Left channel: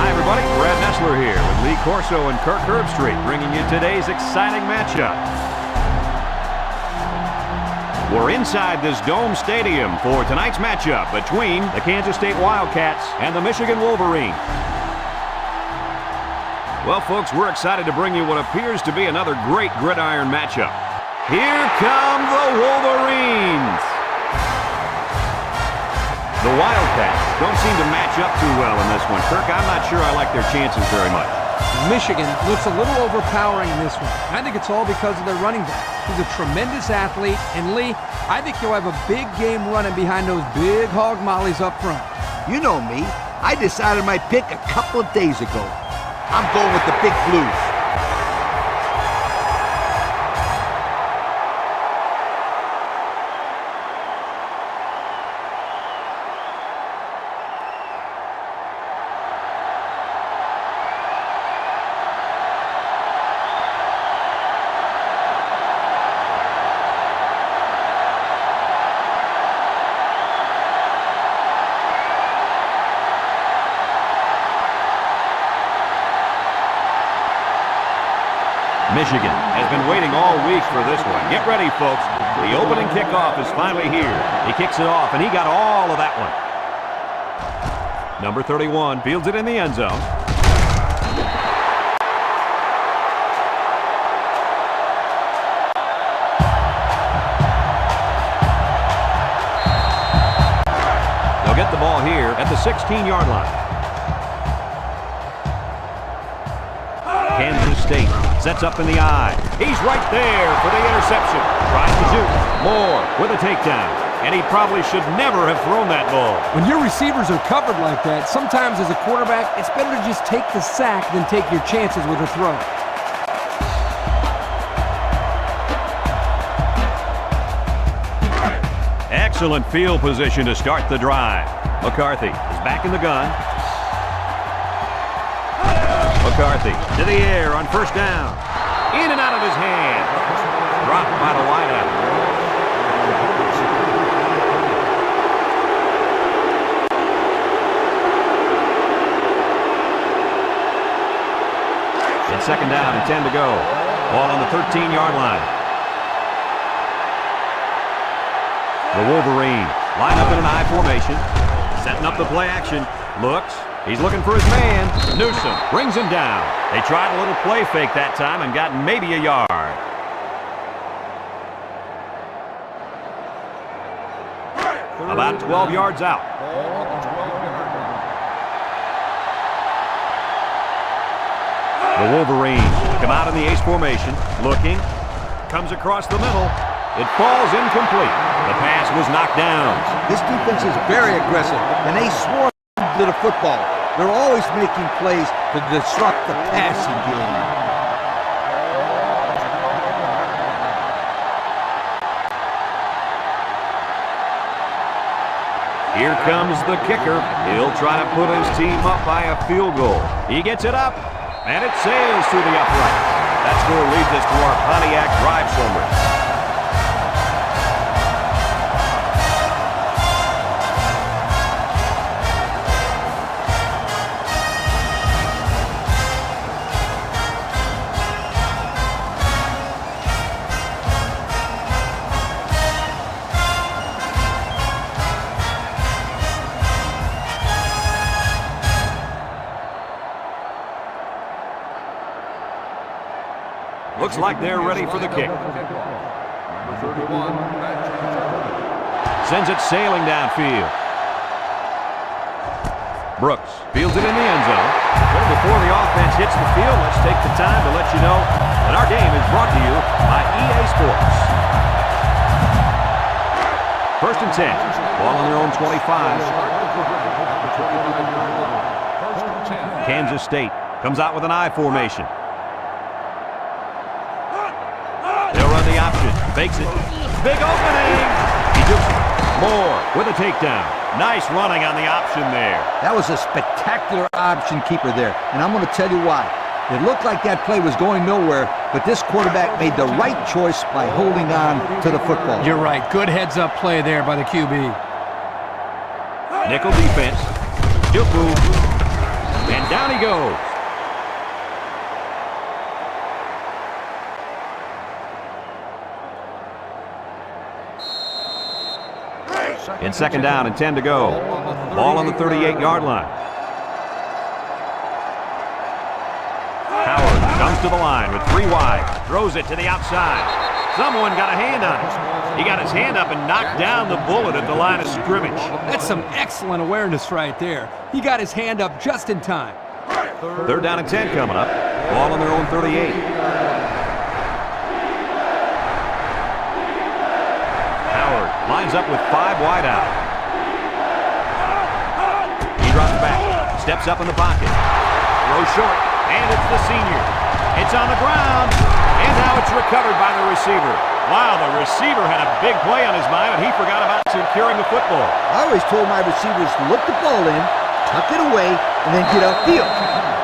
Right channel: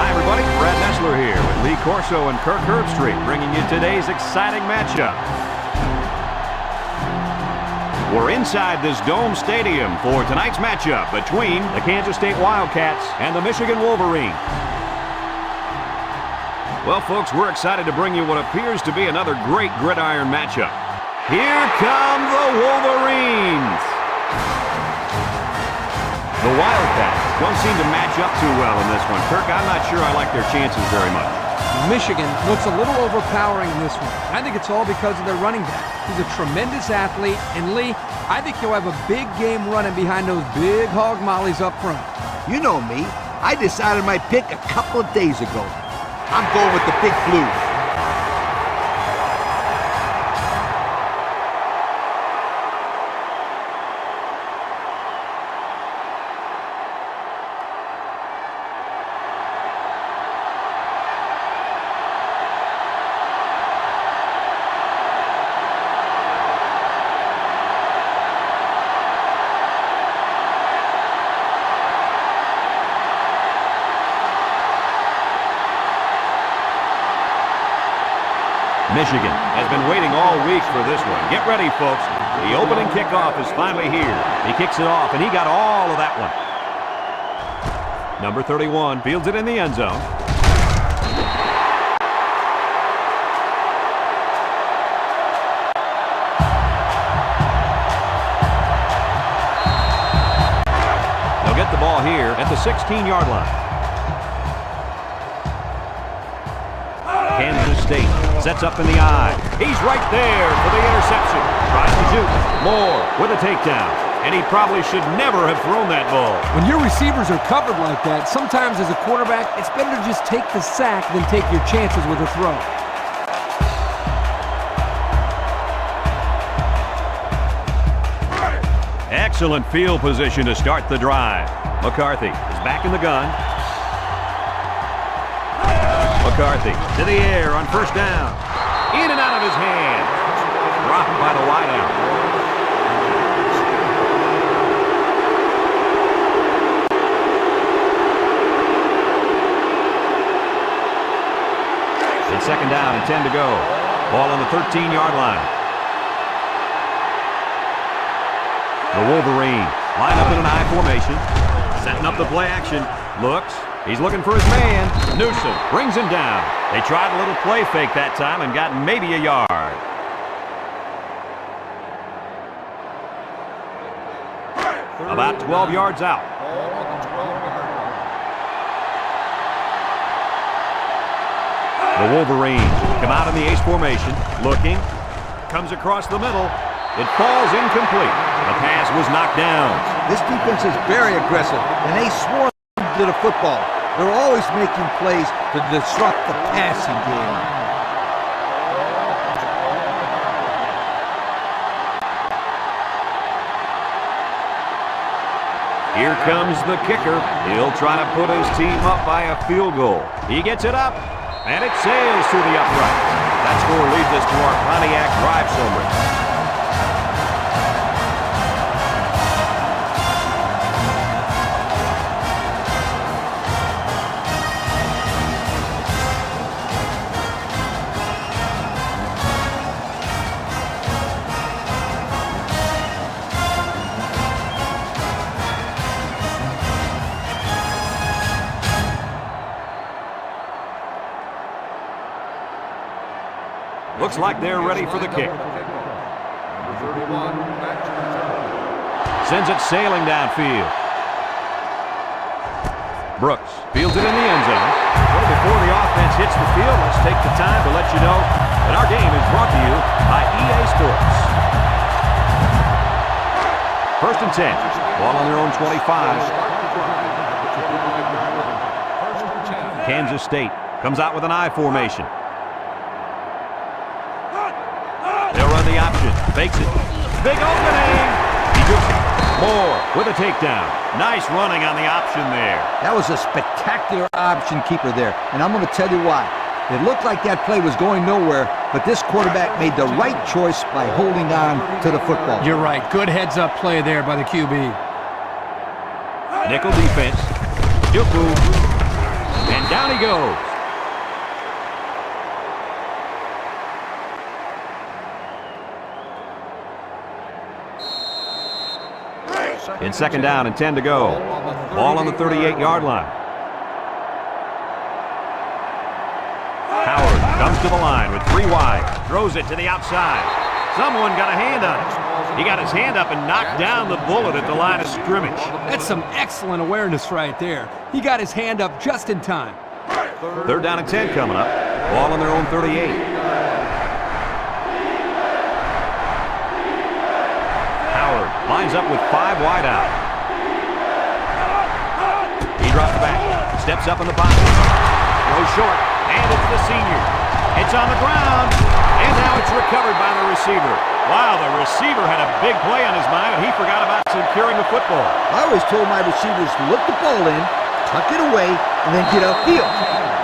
Hi, everybody. Brad Nessler here with Lee Corso and Kirk Herbstreit, bringing you today's exciting matchup. We're inside this dome stadium for tonight's matchup between the Kansas State Wildcats and the Michigan Wolverines. Well, folks, we're excited to bring you what appears to be another great gridiron matchup. Here come the Wolverines. The Wildcats don't seem to match up too well in this one. Kirk, I'm not sure I like their chances very much. Michigan looks a little overpowering in this one. I think it's all because of their running back. He's a tremendous athlete, and Lee, I think he'll have a big game running behind those big hog mollies up front. You know me. I decided my pick a couple of days ago. I'm going with the Big Blue. Michigan has been waiting all week for this one. Get ready, folks. The opening kickoff is finally here. He kicks it off, and he got all of that one. Number 31 fields it in the end zone. They'll get the ball here at the 16-yard line. Kansas State sets up in the eye. He's right there for the interception. Tries to shoot. Moore with a takedown. And he probably should never have thrown that ball. When your receivers are covered like that, sometimes as a quarterback, it's better to just take the sack than take your chances with a throw. Excellent field position to start the drive. McCarthy is back in the gun. McCarthy to the air on first down. In and out of his hand. Dropped by the wideout. It's second down and 10 to go. Ball on the 13-yard line. The Wolverines line up in an I formation. Setting up the play action. Looks. He's looking for his man. Newsom brings him down. They tried a little play fake that time and got maybe a yard. About 12 yards out. Ball on the 12-yard line. The Wolverines come out in the ace formation. Looking. Comes across the middle. It falls incomplete. The pass was knocked down. This defense is very aggressive, and they swarm to the football. They're always making plays to disrupt the passing game. Here comes the kicker. He'll try to put his team up by a field goal. He gets it up, and it sails through the uprights. That score leads us to our Pontiac drive summary. Looks like they're ready for the kick. Number 31, back to return. Sends it sailing downfield. Brooks fields it in the end zone. So before the offense hits the field, let's take the time to let you know that our game is brought to you by EA Sports. First and 10. Ball on their own 25. Start the drive at the 25-yard line. First and 10. Kansas State comes out with an I formation. They'll run the option. Fakes it. Big opening. He dukes it. Moore with a takedown. Nice running on the option there. That was a spectacular option keeper there, and I'm going to tell you why. It looked like that play was going nowhere, but this quarterback made the right choice by holding on to the football. You're right. Good heads-up play there by the QB. Nickel defense. Juku. And down he goes. In second down and 10 to go. Ball on the 38-yard line. Howard comes to the line with 3 wide. Throws it to the outside. Someone got a hand on it. He got his hand up and knocked down the bullet at the line of scrimmage. That's some excellent awareness right there. He got his hand up just in time. Third down and 10 coming up. Ball on their own 38. Howard lines up with 5 wide out. He drops back, steps up in the pocket. Throws short, and it's the senior. It's on the ground, and now it's recovered by the receiver. Wow, the receiver had a big play on his mind, and he forgot about securing the football. I always told my receivers to look the ball in, tuck it away, and then get upfield.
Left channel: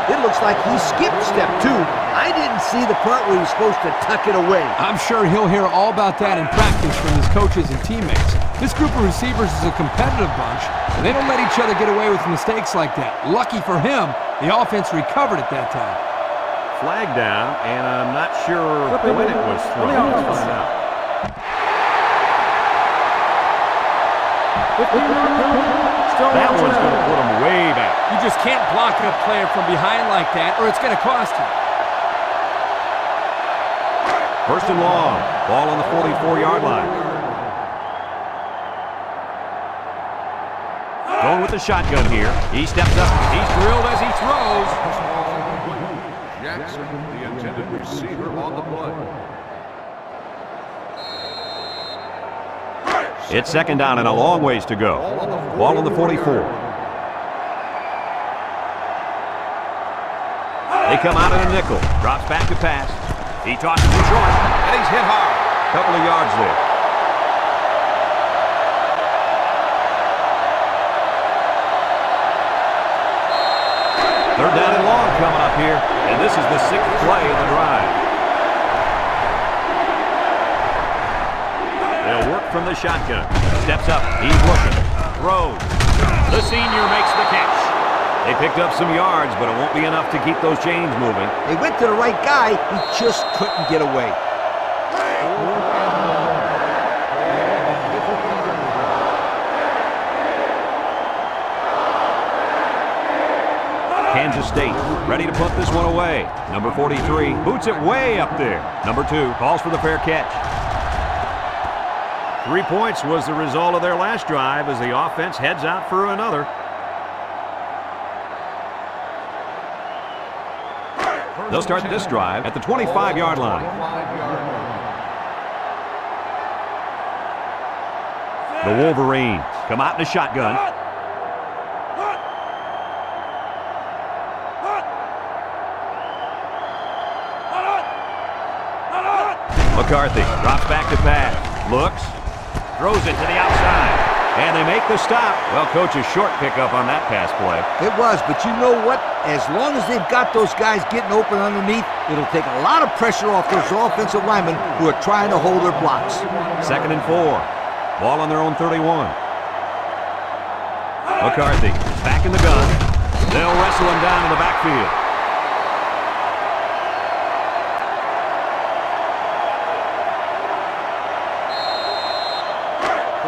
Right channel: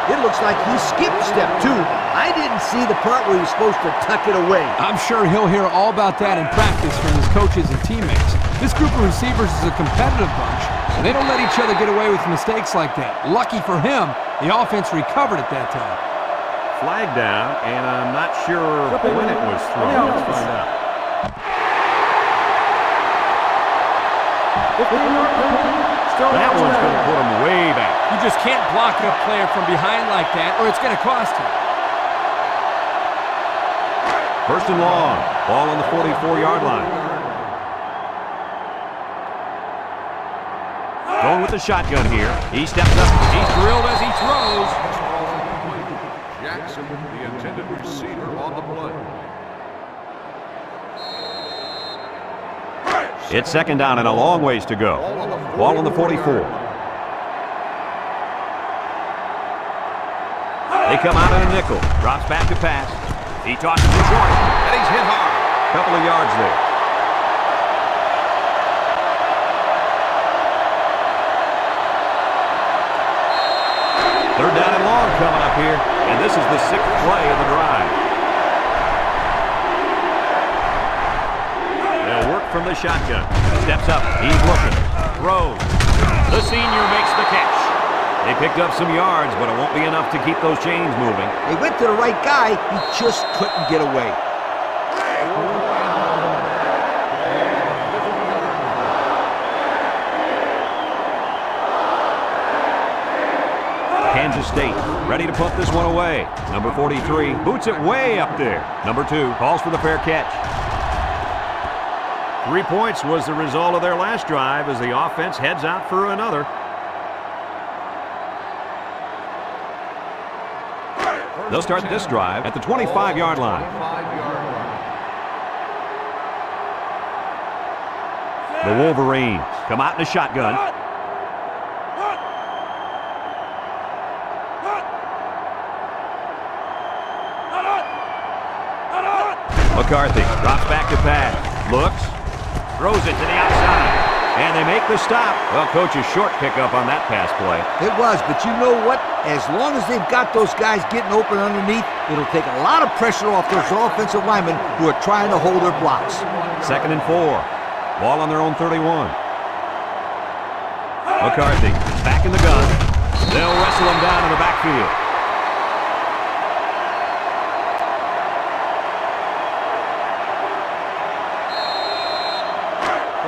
It looks like he skipped step 2. I didn't see the part where he was supposed to tuck it away. I'm sure he'll hear all about that in practice from his coaches and teammates. This group of receivers is a competitive bunch, and they don't let each other get away with mistakes like that. Lucky for him, the offense recovered at that time. Flag down, and I'm not sure when it was thrown. Let's find out. 15-yard penalty. That one's going to put him way back. You just can't block a player from behind like that, or it's going to cost you. First and long. Ball on the 44-yard line. Going with the shotgun here. He steps up. He's drilled as he throws. This ball's incomplete. Jackson, the intended receiver, on the play. It's second down and a long ways to go. Ball on the 44. They come out in a nickel. Drops back to pass. He tosses it short, and he's hit hard. Couple of yards there. Third down and long coming up here, and this is the 6th play of the drive. They'll work from the shotgun. Steps up. He's looking. Throws. The senior makes the catch. They picked up some yards, but it won't be enough to keep those chains moving. They went to the right guy. He just couldn't get away. 4th and long. Ball on the 50-yard line. Kansas State ready to put this one away. Number 43 boots it way up there. Number 2 calls for the fair catch. 3 points was the result of their last drive as the offense heads out for another. They'll start this drive at the 25-yard line. 25-yard line. The Wolverines come out in a shotgun. McCarthy drops back to pass. Looks. Throws it to the outside. And they make the stop. Well, coach's short pickup on that pass play. It was, but you know what? As long as they've got those guys getting open underneath, it'll take a lot of pressure off those offensive linemen who are trying to hold their blocks. 2nd and 4. Ball on their own 31. McCarthy is back in the gun. They'll wrestle him down in the backfield.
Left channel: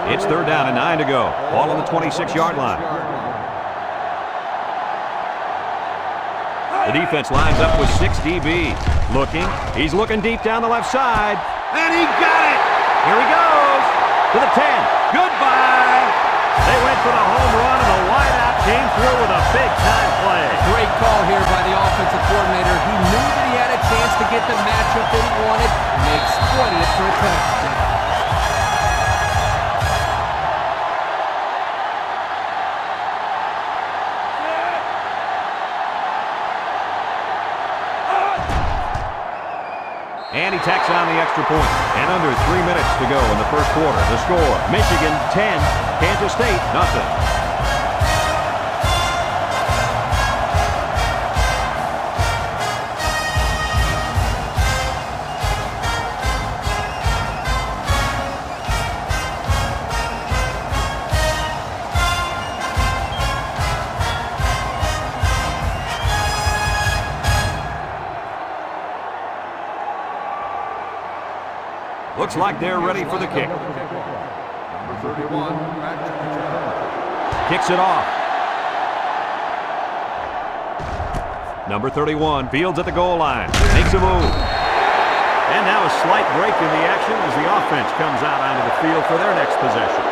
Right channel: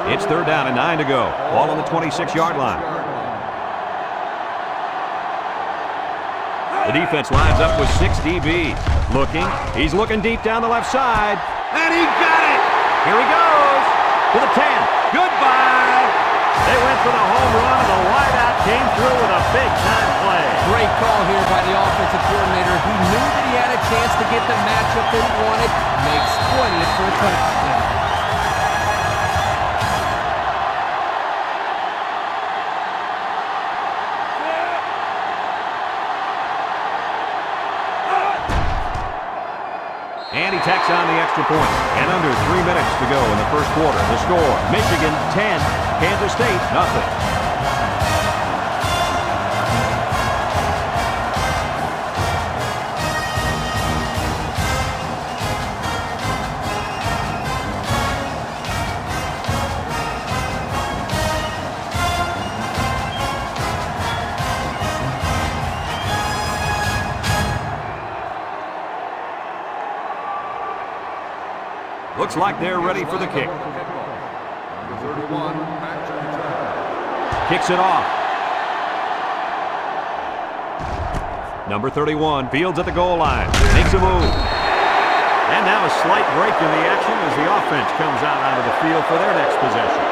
It's third down and 9 to go. Ball on the 26-yard line. The defense lines up with 6 DBs. Looking. He's looking deep down the left side. And he got it! Here he goes! To the 10. Goodbye! They went for the home run, and the wideout came through with a big-time play. Great call here by the offensive coordinator. He knew that he had a chance to get the matchup that he wanted, and they exploited it for a touchdown. And he tacks on the extra point. And under 3 minutes to go in the first quarter. The score, Michigan 10, Kansas State nothing. Looks like they're ready for the kick. Number 31, back to return. Kicks it off. Number 31 fields at the goal line. Makes a move. And now a slight break in the action as the offense comes out onto the field for their next possession.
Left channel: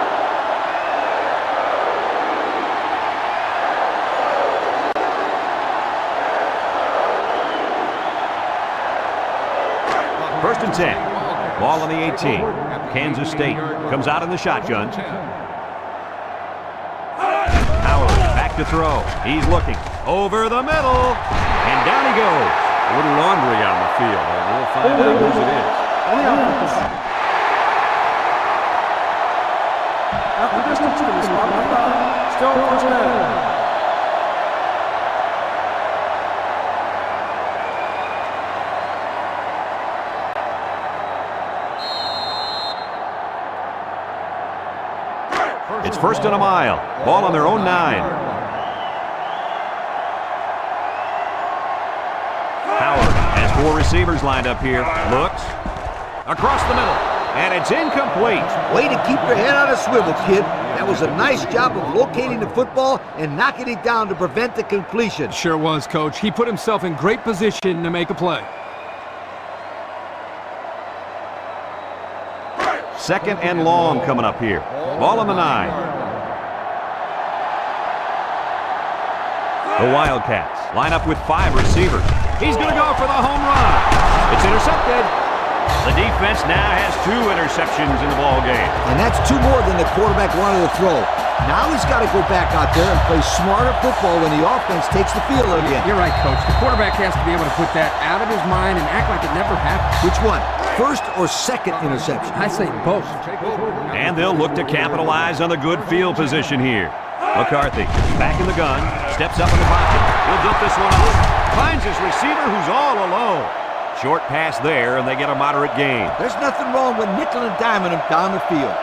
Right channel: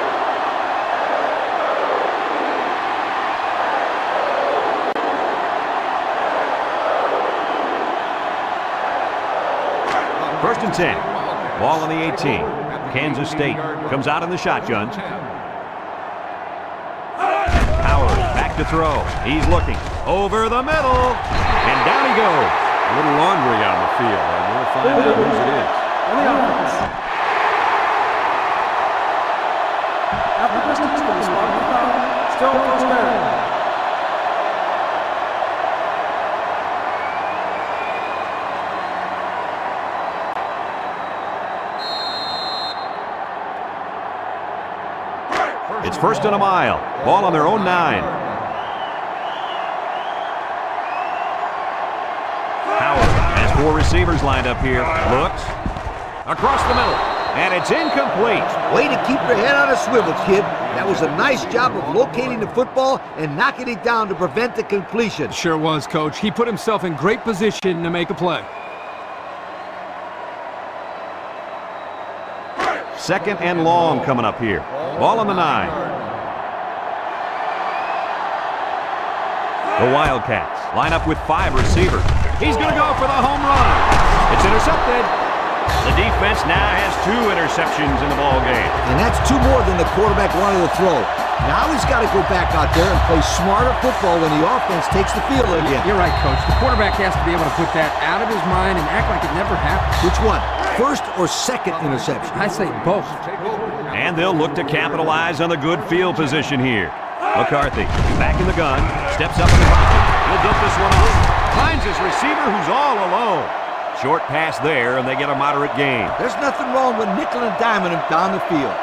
First and 10. Ball on the 18. Kansas State comes out in the shotgun. Howard back to throw. He's looking over the middle. And down he goes. A little laundry on the field, and we'll find out whose it is. On the offense. Half the distance from the spot of the foul. Still first down. It's first and a mile. Ball on their own 9. Howard has 4 receivers lined up here. Looks across the middle, and it's incomplete. Way to keep your head on a swivel, kid. That was a nice job of locating the football and knocking it down to prevent the completion. Sure was, Coach. He put himself in great position to make a play. Second and long coming up here. Ball on the 9. The Wildcats line up with 5 receivers. He's going to go for the home run. It's intercepted. The defense now has 2 interceptions in the ball game. And that's 2 more than the quarterback wanted to throw. Now he's got to go back out there and play smarter football when the offense takes the field again. You're right, Coach. The quarterback has to be able to put that out of his mind and act like it never happened. Which one? First or second interception? I say both. And they'll look to capitalize on the good field position here. McCarthy back in the gun, steps up in the pocket. He'll dump this one off. Finds his receiver who's all alone. Short pass there, and they get a moderate gain. There's nothing wrong with nickel and diming him down the field.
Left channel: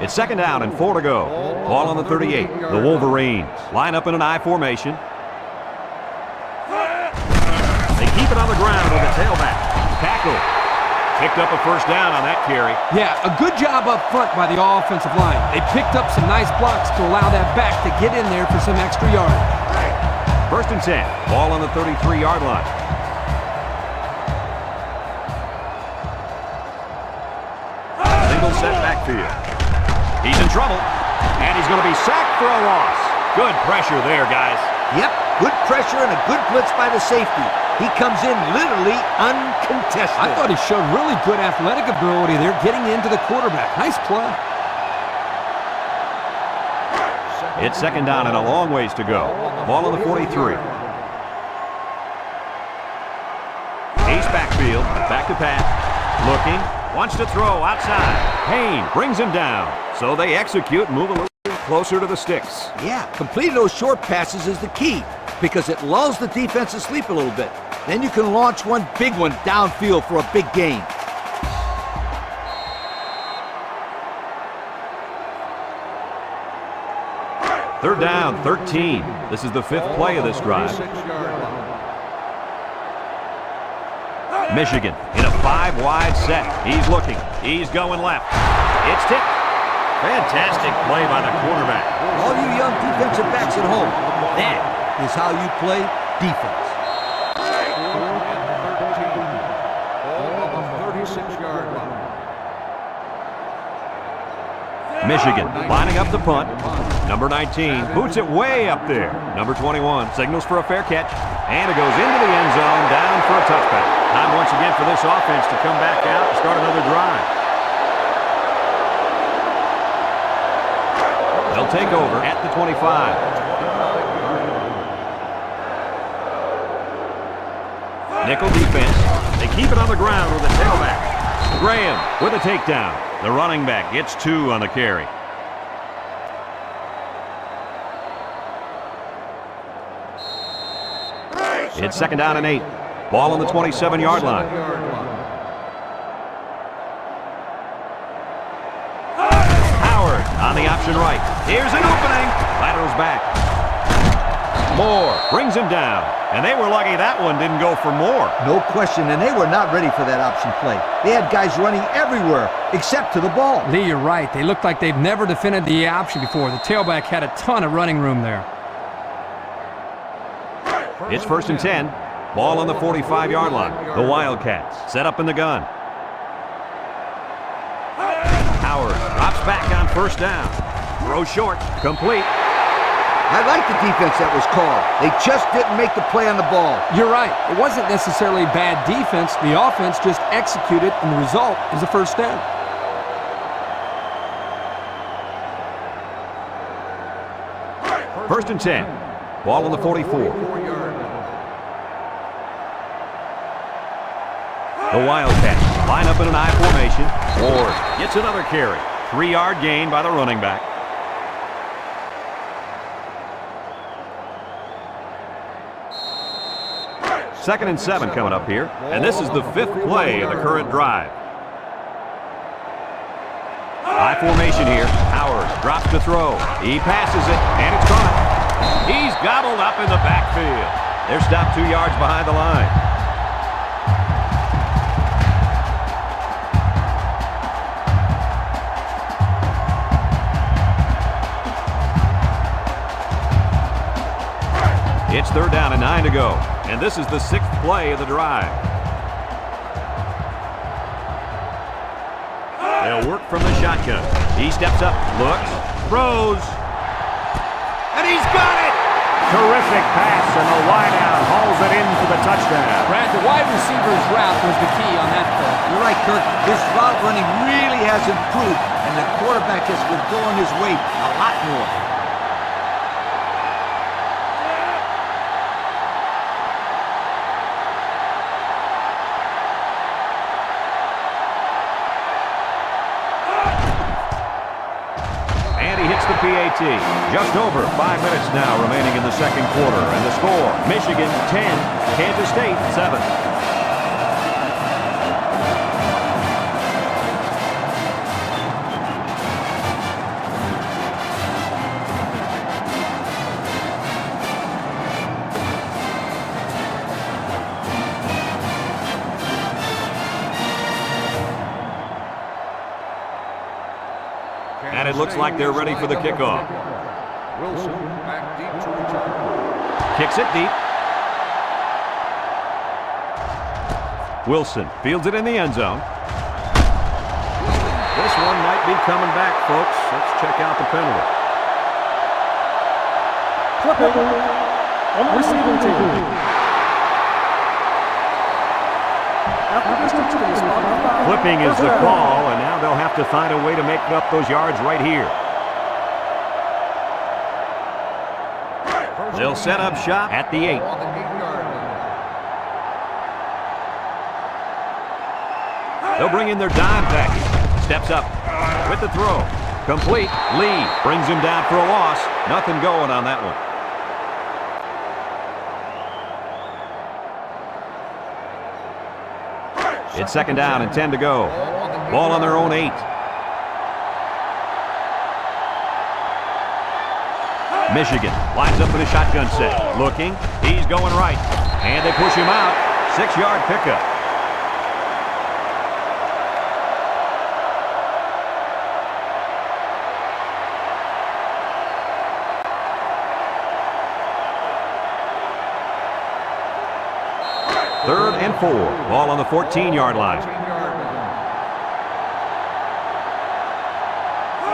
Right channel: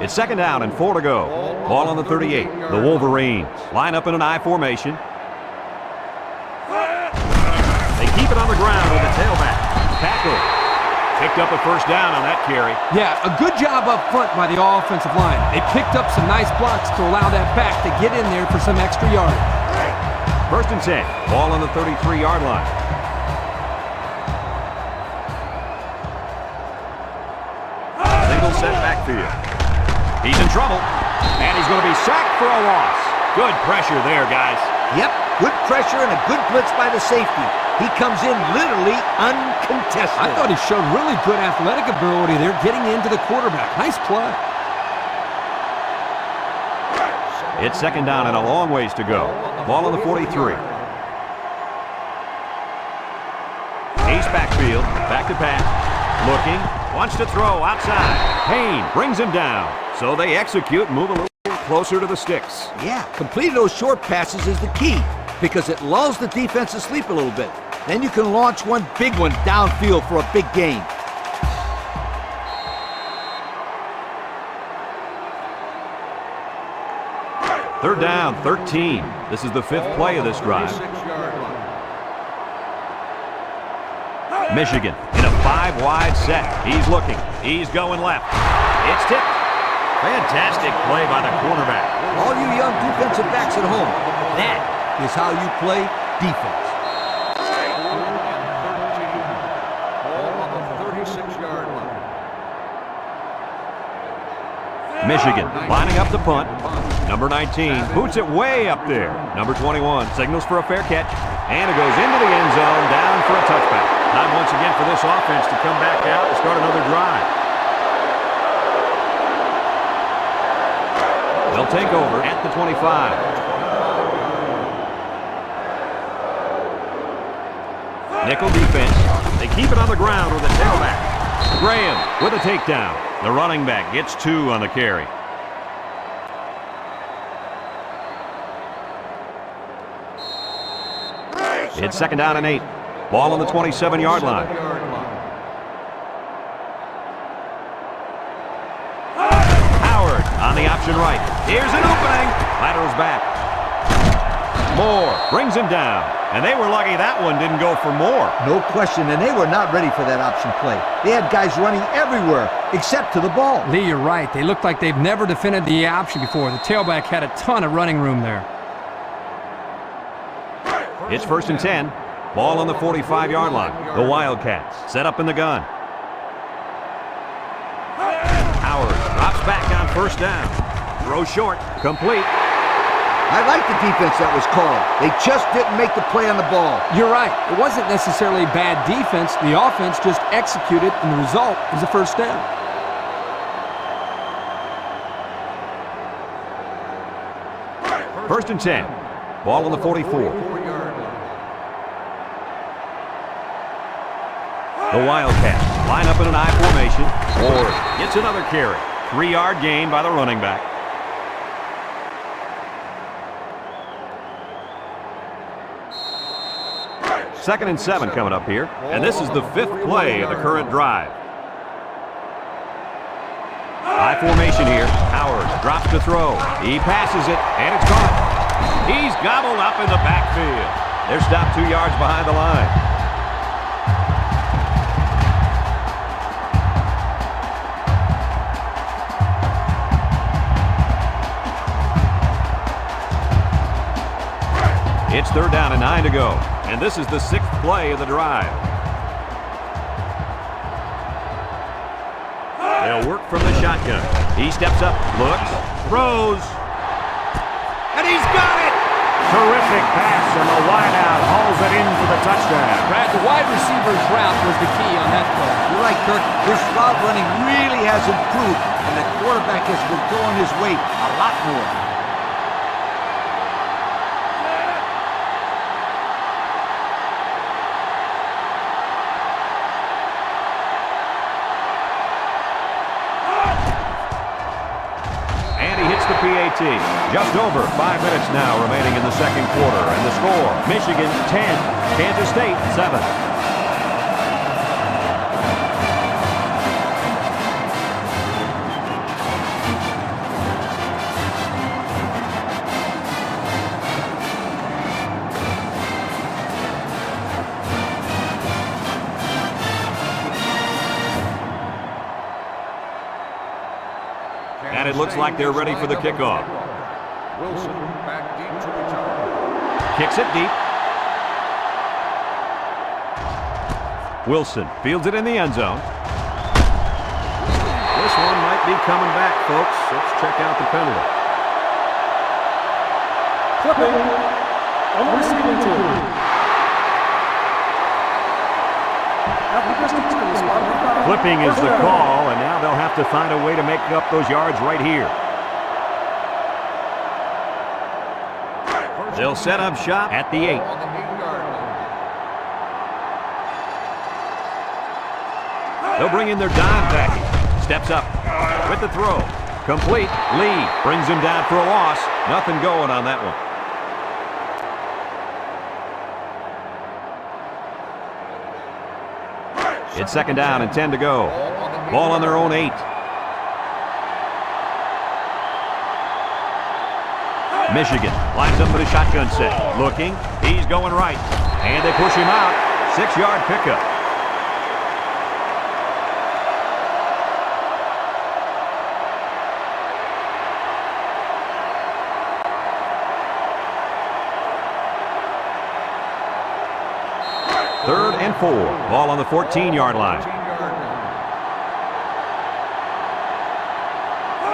It's second down and 4 to go. Ball on the 38. The Wolverines line up in an I formation. They keep it on the ground with the tailback. Tackle. Picked up a first down on that carry. Yeah, a good job up front by the offensive line. They picked up some nice blocks to allow that back to get in there for some extra yardage. First and 10. Ball on the 33-yard line. Single set backfield. He's in trouble, and he's going to be sacked for a loss. Good pressure there, guys. Yep, good pressure and a good blitz by the safety. He comes in literally uncontested. I thought he showed really good athletic ability there getting into the quarterback. Nice play. It's second down and a long ways to go. Ball on the 43. Ace backfield, back to pass. Looking, wants to throw outside. Payne brings him down. So they execute and move a little closer to the sticks. Yeah, completing those short passes is the key because it lulls the defense to sleep a little bit. Then you can launch one big one downfield for a big gain. Third down, 13. This is the 5th play of this drive. Michigan in a 5-wide set. He's looking. He's going left. It's tipped. Fantastic play by the cornerback. All you young defensive backs at home, that is how you play defense. 4th and 13. Ball on the 36-yard line. Michigan lining up the punt. Number 19 boots it way up there. Number 21 signals for a fair catch. And it goes into the end zone, down for a touchback. Time once again for this offense to come back out and start another drive. They'll take over at the 25. Nickel defense. They keep it on the ground with a tailback. Graham with a takedown. The running back gets 2 on the carry. It's second down and 8. Ball on the 27-yard line. Howard on the option right. Here's an opening. Laterals back. Moore brings him down. And they were lucky that one didn't go for more. No question, and they were not ready for that option play. They had guys running everywhere except to the ball. Lee, you're right. They looked like they've never defended the option before. The tailback had a ton of running room there. It's 1st and 10. Ball on the 45-yard line. The Wildcats set up in the gun. Howard drops back on 1st down. Throw short. Complete. I like the defense that was called. They just didn't make the play on the ball. You're right. It wasn't necessarily bad defense. The offense just executed, and the result is a 1st down. First and 10. Ball on the 44. The Wildcats line up in an I formation. Ward gets another carry. 3-yard gain by the running back. Second and 7 coming up here. And this is the 5th play of the current drive. I formation here. Howard drops to throw. He passes it, and it's caught. He's gobbled up in the backfield. They're stopped 2 yards behind the line. It's 3rd down and 9 to go. And this is the 6th play of the drive. They'll work from the shotgun. He steps up, looks, throws, and he's got it! Terrific pass, and the wideout hauls it in for the touchdown. Brad, the wide receiver's route was the key on that play. You're right, Kirk. This route running really has improved, and the quarterback has been going his way a lot more. And he hits the PAT. Just over 5 minutes now remaining in the 2nd quarter. And the score, Michigan 10, Kansas State 7. And it looks like they're ready for the kickoff. Wilson back deep to return. Kicks it deep. Wilson fields it in the end zone. This one might be coming back, folks. Let's check out the penalty. Clipping on the receiving team. Half the distance to the spot of the foul. Clipping is First the down. call, and now they'll have to find a way to make up those yards right here. They'll set up shop at the 8. On the 8-yard line. They'll bring in their dime package. Steps up with the throw. Complete. Lee brings him down for a loss. Nothing going on that one. It's 2nd down and 10 to go. Ball on their own 8. Michigan lines up for the shotgun set. Looking. He's going right. And they push him out. 6-yard pickup. Third and 4. Ball on the 14-yard line.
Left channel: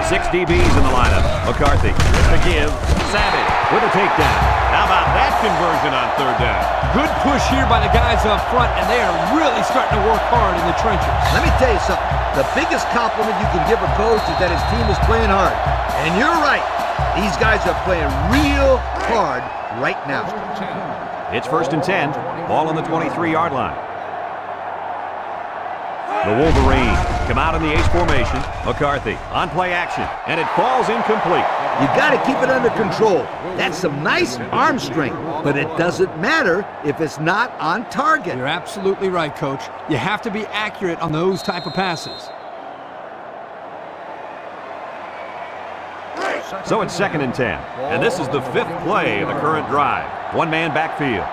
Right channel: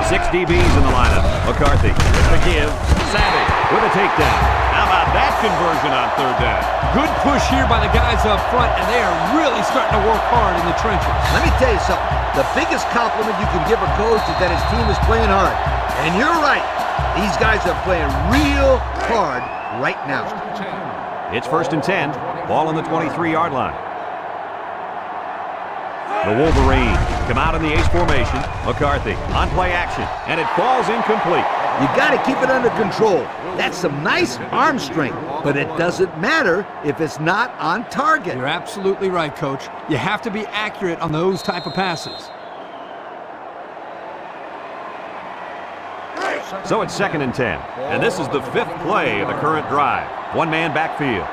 6 DBs in the lineup. McCarthy with the give. Savage with a takedown. How about that conversion on 3rd down? Good push here by the guys up front, and they are really starting to work hard in the trenches. Let me tell you something. The biggest compliment you can give a coach is that his team is playing hard. And you're right. These guys are playing real hard right now. It's 1st and 10. Ball on the 23-yard line. The Wolverines come out in the ace formation. McCarthy on play action, and it falls incomplete. You got to keep it under control. That's some nice arm strength, but it doesn't matter if it's not on target. You're absolutely right, Coach. You have to be accurate on those type of passes. So it's 2nd and 10. And this is the 5th play of the current drive. One man backfield.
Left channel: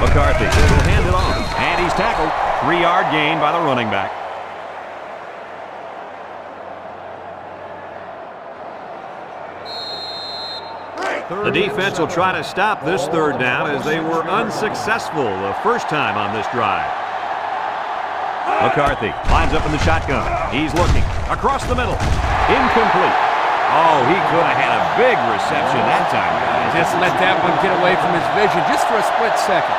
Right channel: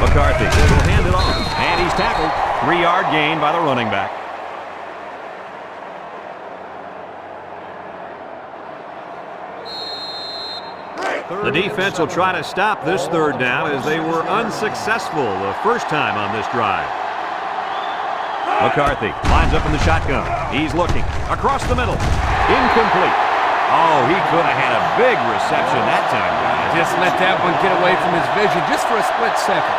McCarthy will hand it off. And he's tackled. 3-yard gain by the running back. The defense will try to stop this 3rd down as they were unsuccessful the first time on this drive. McCarthy lines up in the shotgun. He's looking across the middle. Incomplete. Oh, he could have had a big reception that time, guys. Just let that one get away from his vision just for a split second.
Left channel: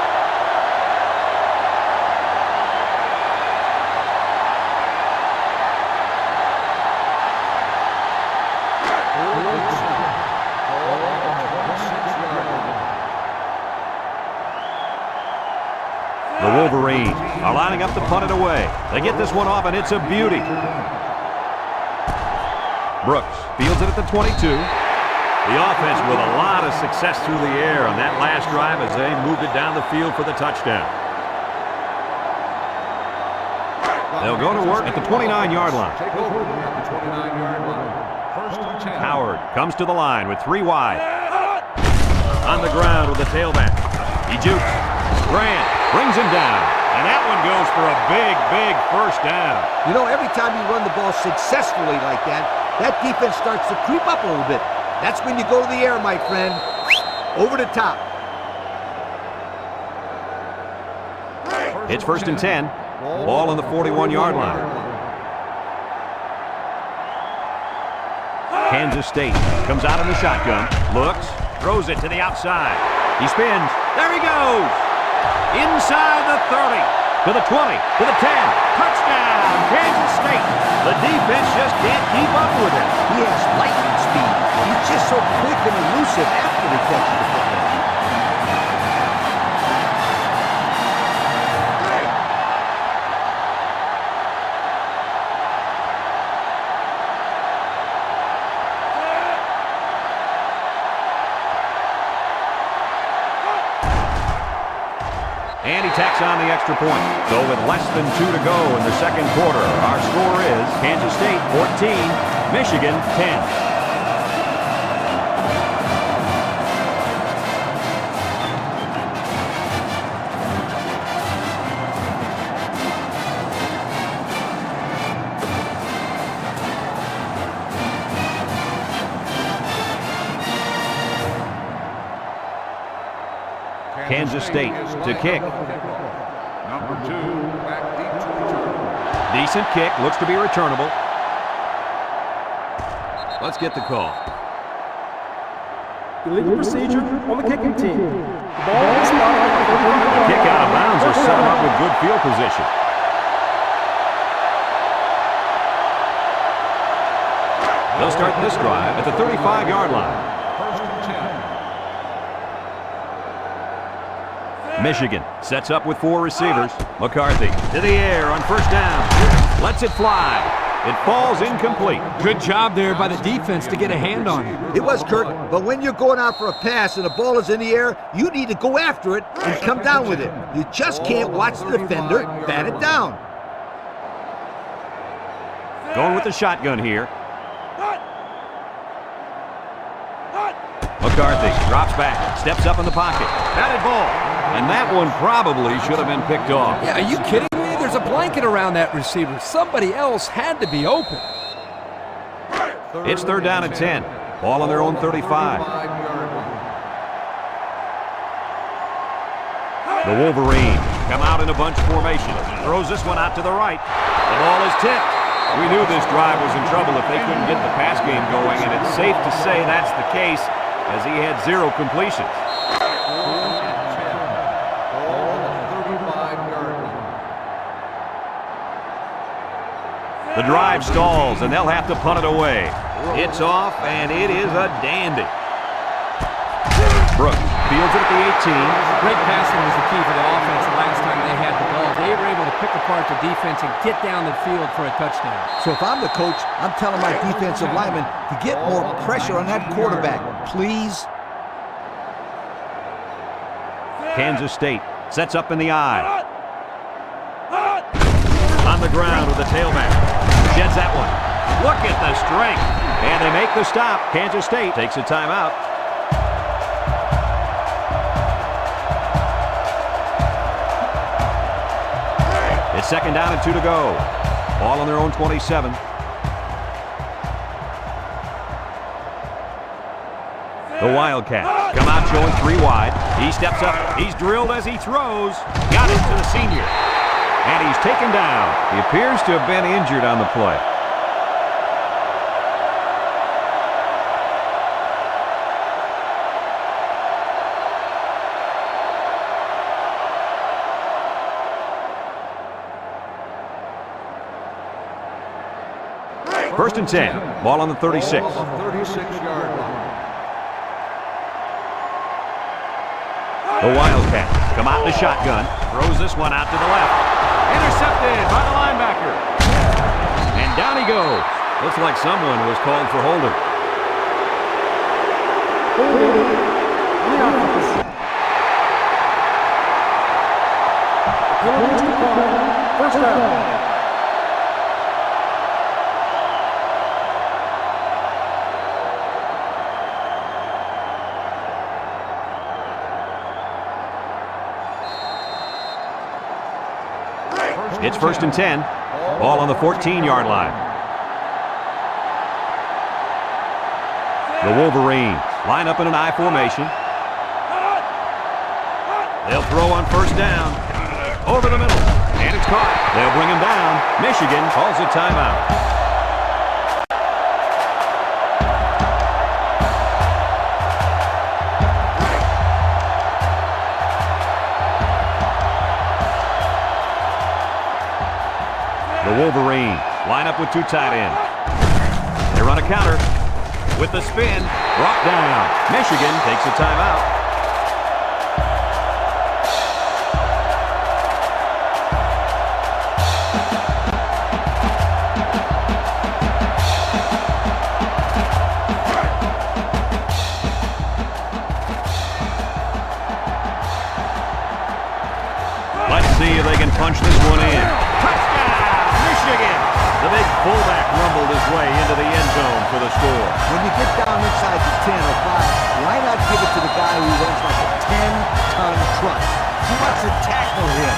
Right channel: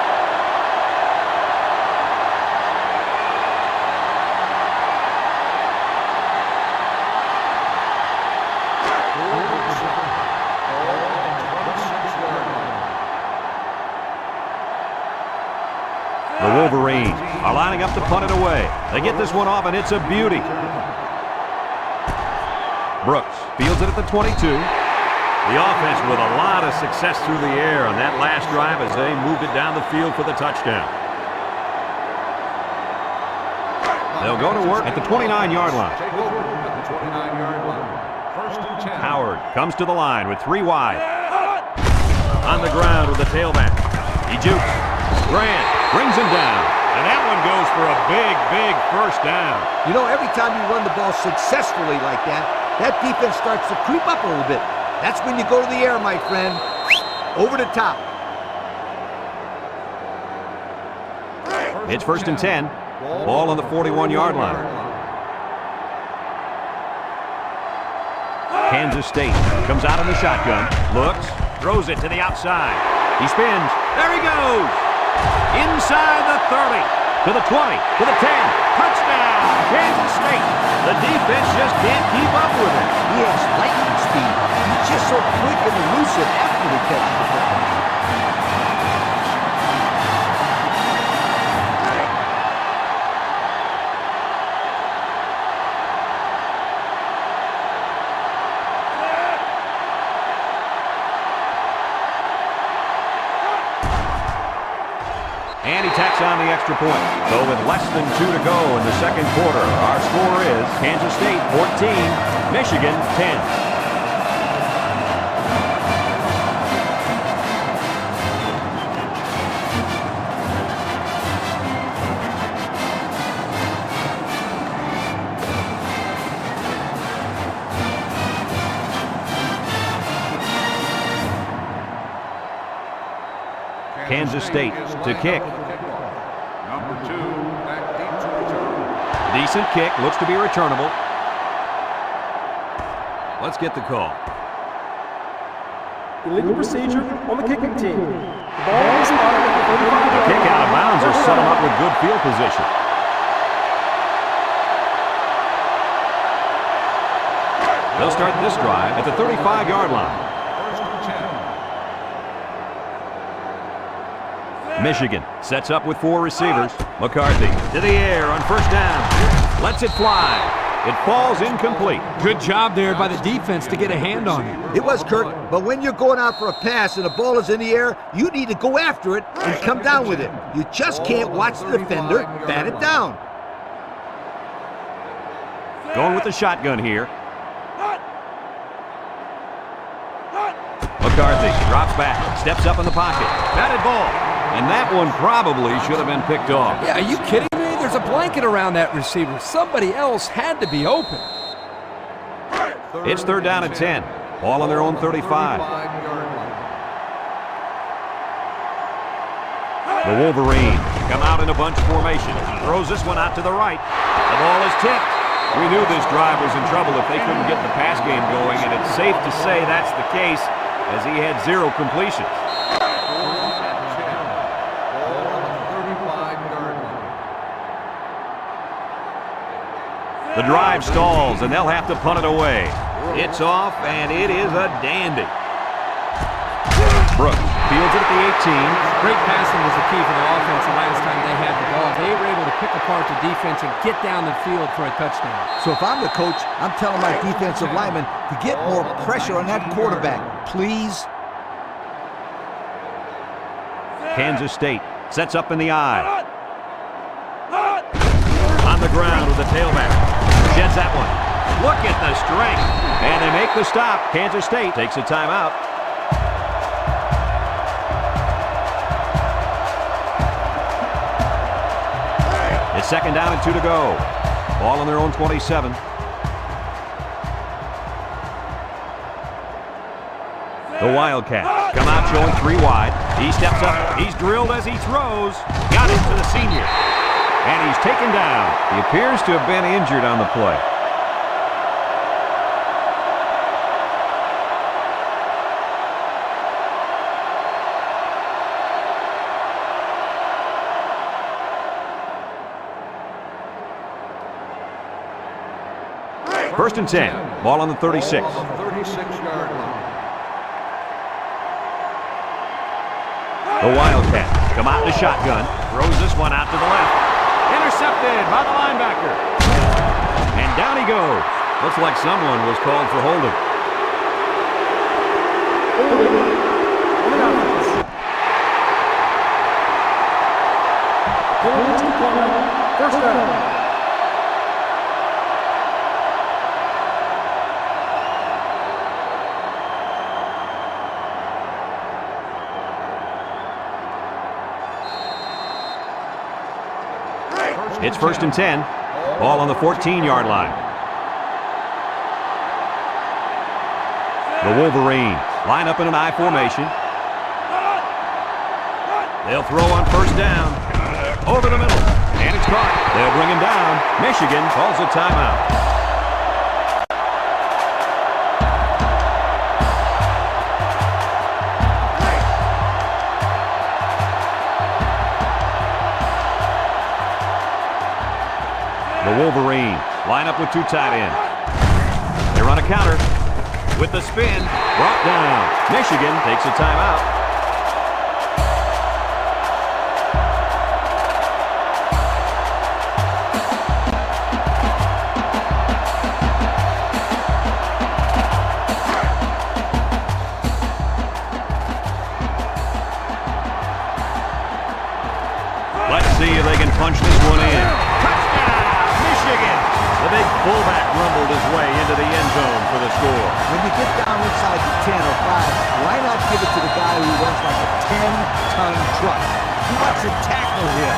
The Wolverines are lining up to punt it away. They get this one off, and it's a beauty. Brooks fields it at the 22. The offense with a lot of success through the air on that last drive as they moved it down the field for the touchdown. They'll go to work at the 29-yard line. Take over at the 29-yard line. 1st and 10. Howard comes to the line with 3 wide. On the ground with the tailback. He jukes. Grant brings him down. And that one goes for a big, big first down. You know, every time you run the ball successfully like that, that defense starts to creep up a little bit. That's when you go to the air, my friend. Over the top. It's 1st and 10. Ball on the 41-yard line. Kansas State comes out in the shotgun. Looks. Throws it to the outside. He spins. There he goes. Inside the 30. To the 20. To the 10. Touchdown, Kansas State. The defense just can't keep up with it. He has lightning speed. He's just so quick and elusive after he catches the football. And he tacks on the extra point. So with less than 2 to go in the 2nd quarter, our score is Kansas State 14, Michigan 10. Kansas State to kick. Number 2, back deep to return. Decent kick, looks to be returnable. Let's get the call. Illegal procedure on the kicking team. The ball is spotted at the 35-yard line. The kick out of bounds will set him up with good field position. They'll start this drive at the 35-yard line. 1st and 10. Michigan sets up with 4 receivers. McCarthy to the air on 1st down. Lets it fly. It falls incomplete. Good job there by the defense to get a hand on it. It was, Kirk, but when you're going out for a pass and the ball is in the air, you need to go after it and come down with it. You just can't watch the defender bat it down. Going with the shotgun here. McCarthy drops back, steps up in the pocket. Batted ball. And that one probably should have been picked off. Yeah, are you kidding me? There's a blanket around that receiver. Somebody else had to be open. It's 3rd down and 10. Ball on their own 35. The Wolverines come out in a bunch formation. Throws this one out to the right. The ball is tipped. We knew this drive was in trouble if they couldn't get the pass game going, and it's safe to say that's the case as he had 0 completions. 4th and 10. Ball on the 35-yard line. The drive stalls, and they'll have to punt it away. It's off, and it is a dandy. Brooks fields it at the 18. Great passing was the key for the offense the last time they had the ball. They were able to pick apart the defense and get down the field for a touchdown. So if I'm the coach, I'm telling my defensive linemen to get more pressure on that quarterback, please. Kansas State sets up in the eye. On the ground with the tailback. Sheds that one. Look at the strength. And they make the stop. Kansas State takes a timeout. It's second down and 2 to go. Ball on their own 27. The Wildcats come out showing 3 wide. He steps up. He's drilled as he throws. Got it to the senior. And he's taken down. He appears to have been injured on the play. First and 10. Ball on the 36. Ball on the 36-yard line. The Wildcats come out in the shotgun. Throws this one out to the left. Intercepted by the linebacker. And down he goes. Looks like someone was called for holding. Holding on the offense. The penalties decline. First down. It's first and 10. Ball on the 14-yard line. The Wolverines line up in an I formation. They'll throw on first down. Over the middle. And it's caught. They'll bring him down. Michigan calls a timeout. The Wolverines line up with 2 tight ends. They run a counter with the spin. Brought down. Michigan takes a timeout. Let's see if they can punch this one in. Touchdown! Michigan! The big fullback rumbled his way into the end zone for the score. When you get down inside the 10 or 5, why not give it to the guy who runs like a 10-ton truck? Who wants to tackle him?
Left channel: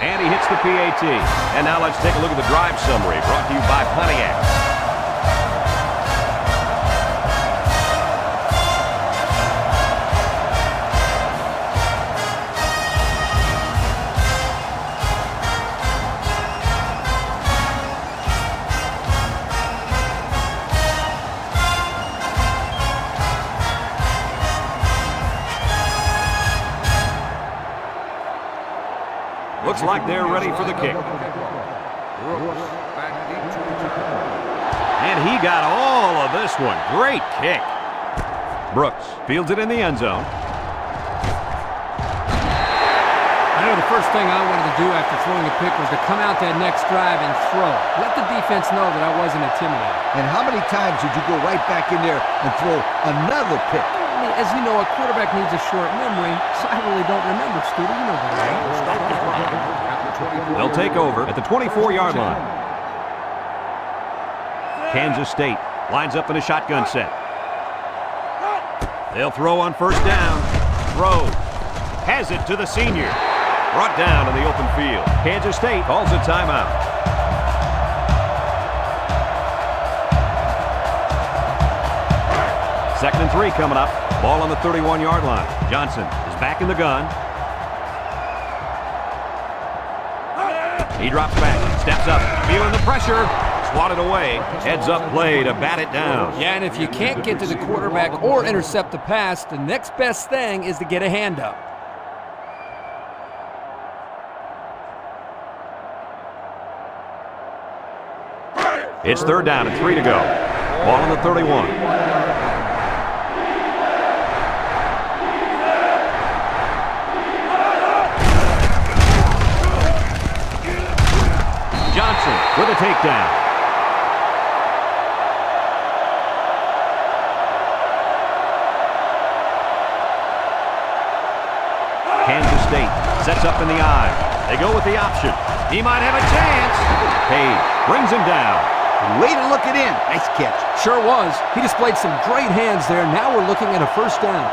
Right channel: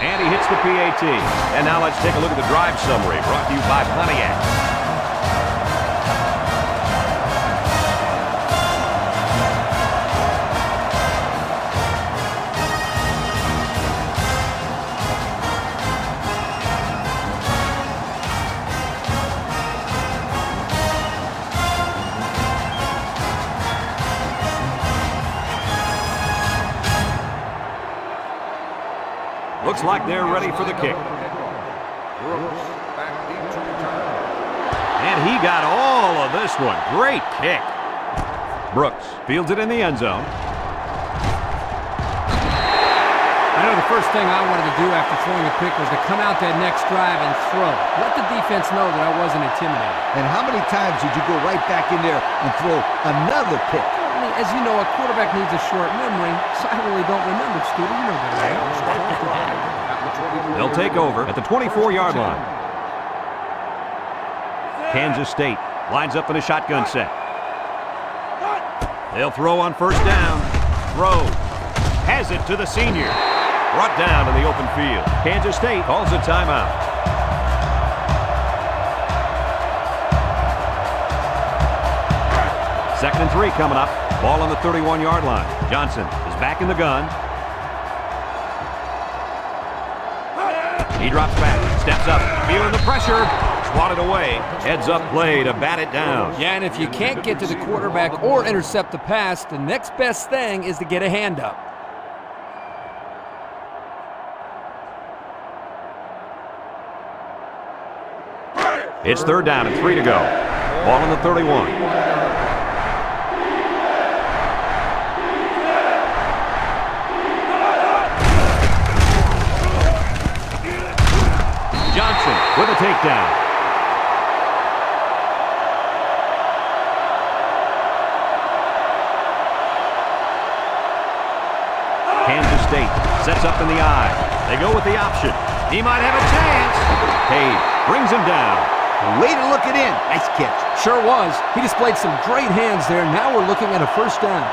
And he hits the PAT. And now let's take a look at the drive summary brought to you by Pontiac. Looks like they're ready for the kick. Brooks back deep to return. And he got all of this one. Great kick. Brooks fields it in the end zone. I know the first thing I wanted to do after throwing a pick was to come out that next drive and throw. Let the defense know that I wasn't intimidated. And how many times did you go right back in there and throw another pick? I mean, as you know, a quarterback needs a short memory, so I really don't remember, Scooter. You know better, right? They'll take over at the 24-yard line. Kansas State lines up in a shotgun set. They'll throw on first down. Throws. Has it to the senior. Brought down in the open field. Kansas State calls a timeout. Second and 3 coming up. Ball on the 31-yard line. Johnson is back in the gun. He drops back, steps up, feeling the pressure. Swatted away. Heads up play to bat it down. Yeah, and if you can't get to the quarterback or intercept the pass, the next best thing is to get a hand up. It's third down and 3 to go. Ball on the 31. Johnson with a takedown. Kansas State sets up in the I. They go with the option. He might have a chance. Page brings him down. Way to look it in. Nice catch. Sure was. He displayed some great hands there. Now we're looking at a first down.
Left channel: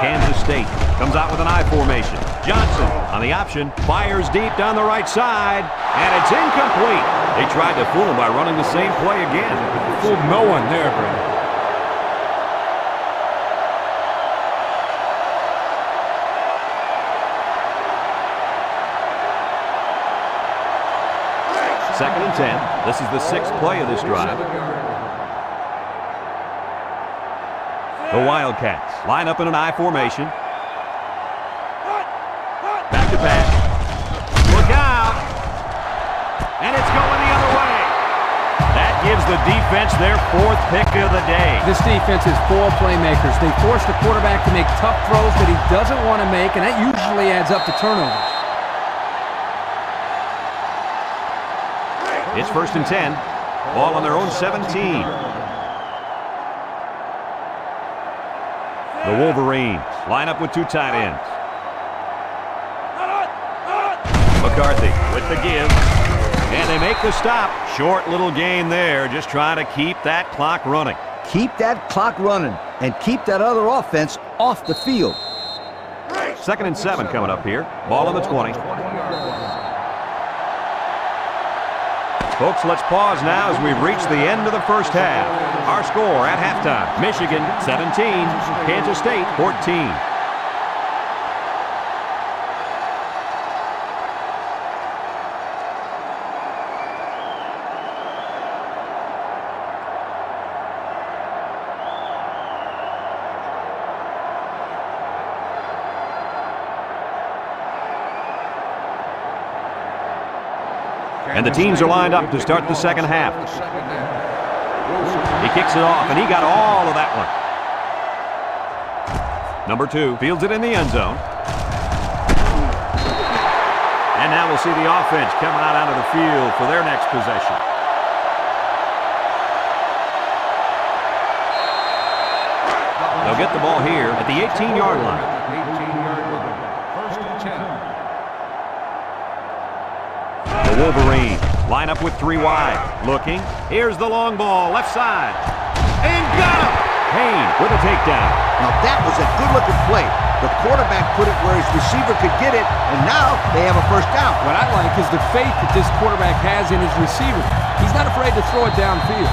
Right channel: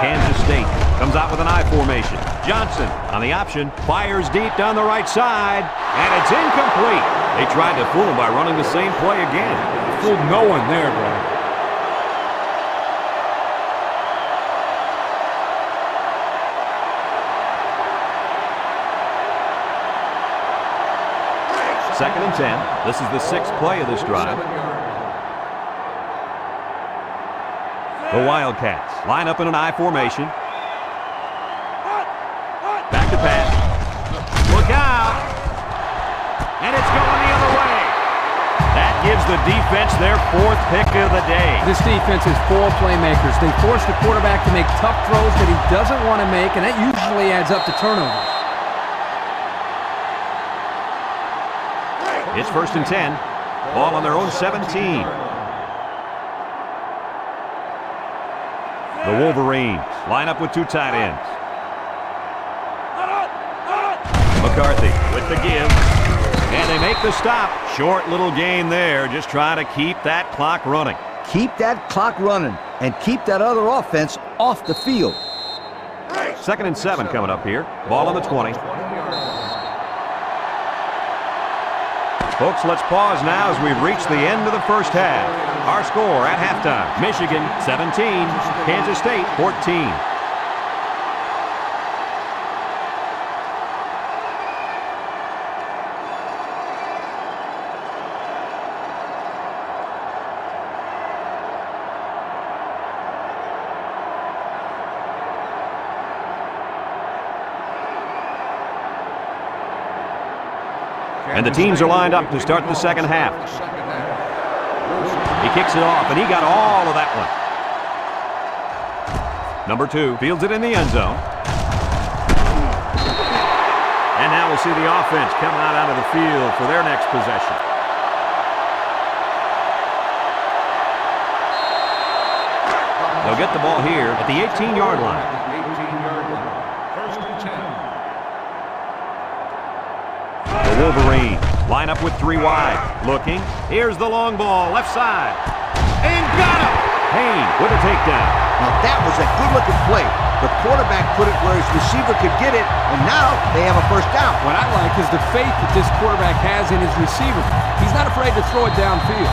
Kansas State comes out with an I formation. Johnson on the option, fires deep down the right side, and it's incomplete. They tried to fool him by running the same play again. Fooled no one there, Brad. Second and 10. This is the 6th play of this drive. The Wildcats line up in an I formation. Back to pass. Look out! And it's going the other way. That gives the defense their 4th pick of the day. This defense is full of playmakers. They force the quarterback to make tough throws that he doesn't want to make, and that usually adds up to turnovers. It's 1st and 10. Ball on their own 17. The Wolverines line up with 2 tight ends. McCarthy with the give. And they make the stop. Short little gain there, just trying to keep that clock running. Keep that clock running and keep that other offense off the field. 2nd and 7 coming up here. Ball on the 20. Folks, let's pause now as we've reached the end of the first half. Our score at halftime, Michigan 17, Kansas State 14. And the teams are lined up to start the second half. He kicks it off, and he got all of that one. Number 2 fields it in the end zone. And now we'll see the offense come out onto the field for their next possession. They'll get the ball here at the 18-yard line. 1st and 10. The Wolverines line up with 3 wide. Looking. Here's the long ball, left side. And got him! Payne with a takedown. Now that was a good-looking play. The quarterback put it where his receiver could get it, and now they have a first down. What I like is the faith that this quarterback has in his receiver. He's not afraid to throw it downfield.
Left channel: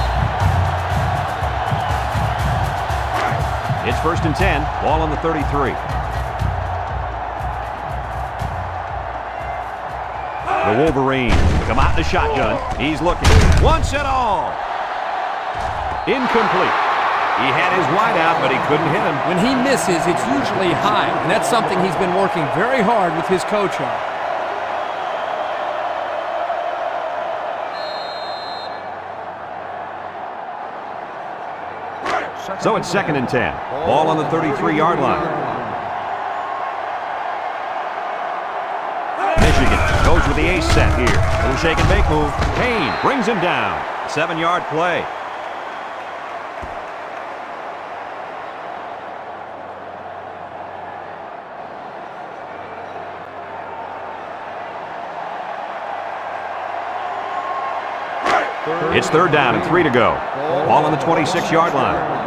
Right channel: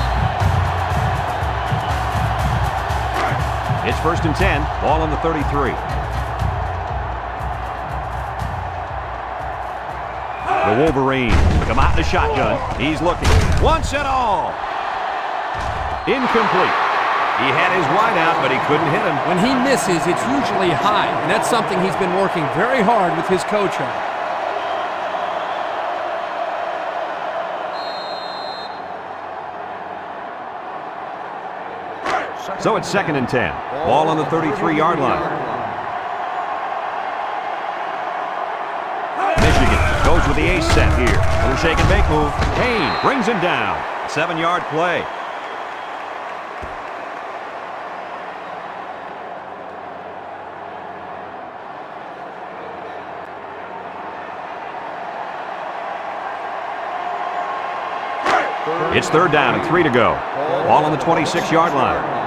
It's 1st and 10. Ball on the 33. The Wolverines come out in the shotgun. He's looking. Once and all. Incomplete. He had his wide out, but he couldn't hit him. When he misses, it's usually high, and that's something he's been working very hard with his coach on. So it's 2nd and 10. Ball on the 33-yard line. Michigan goes with the ace set here. Little shake and bake move. Payne brings him down. 7-yard play. It's 3rd down and 3 to go. Ball on the 26-yard line.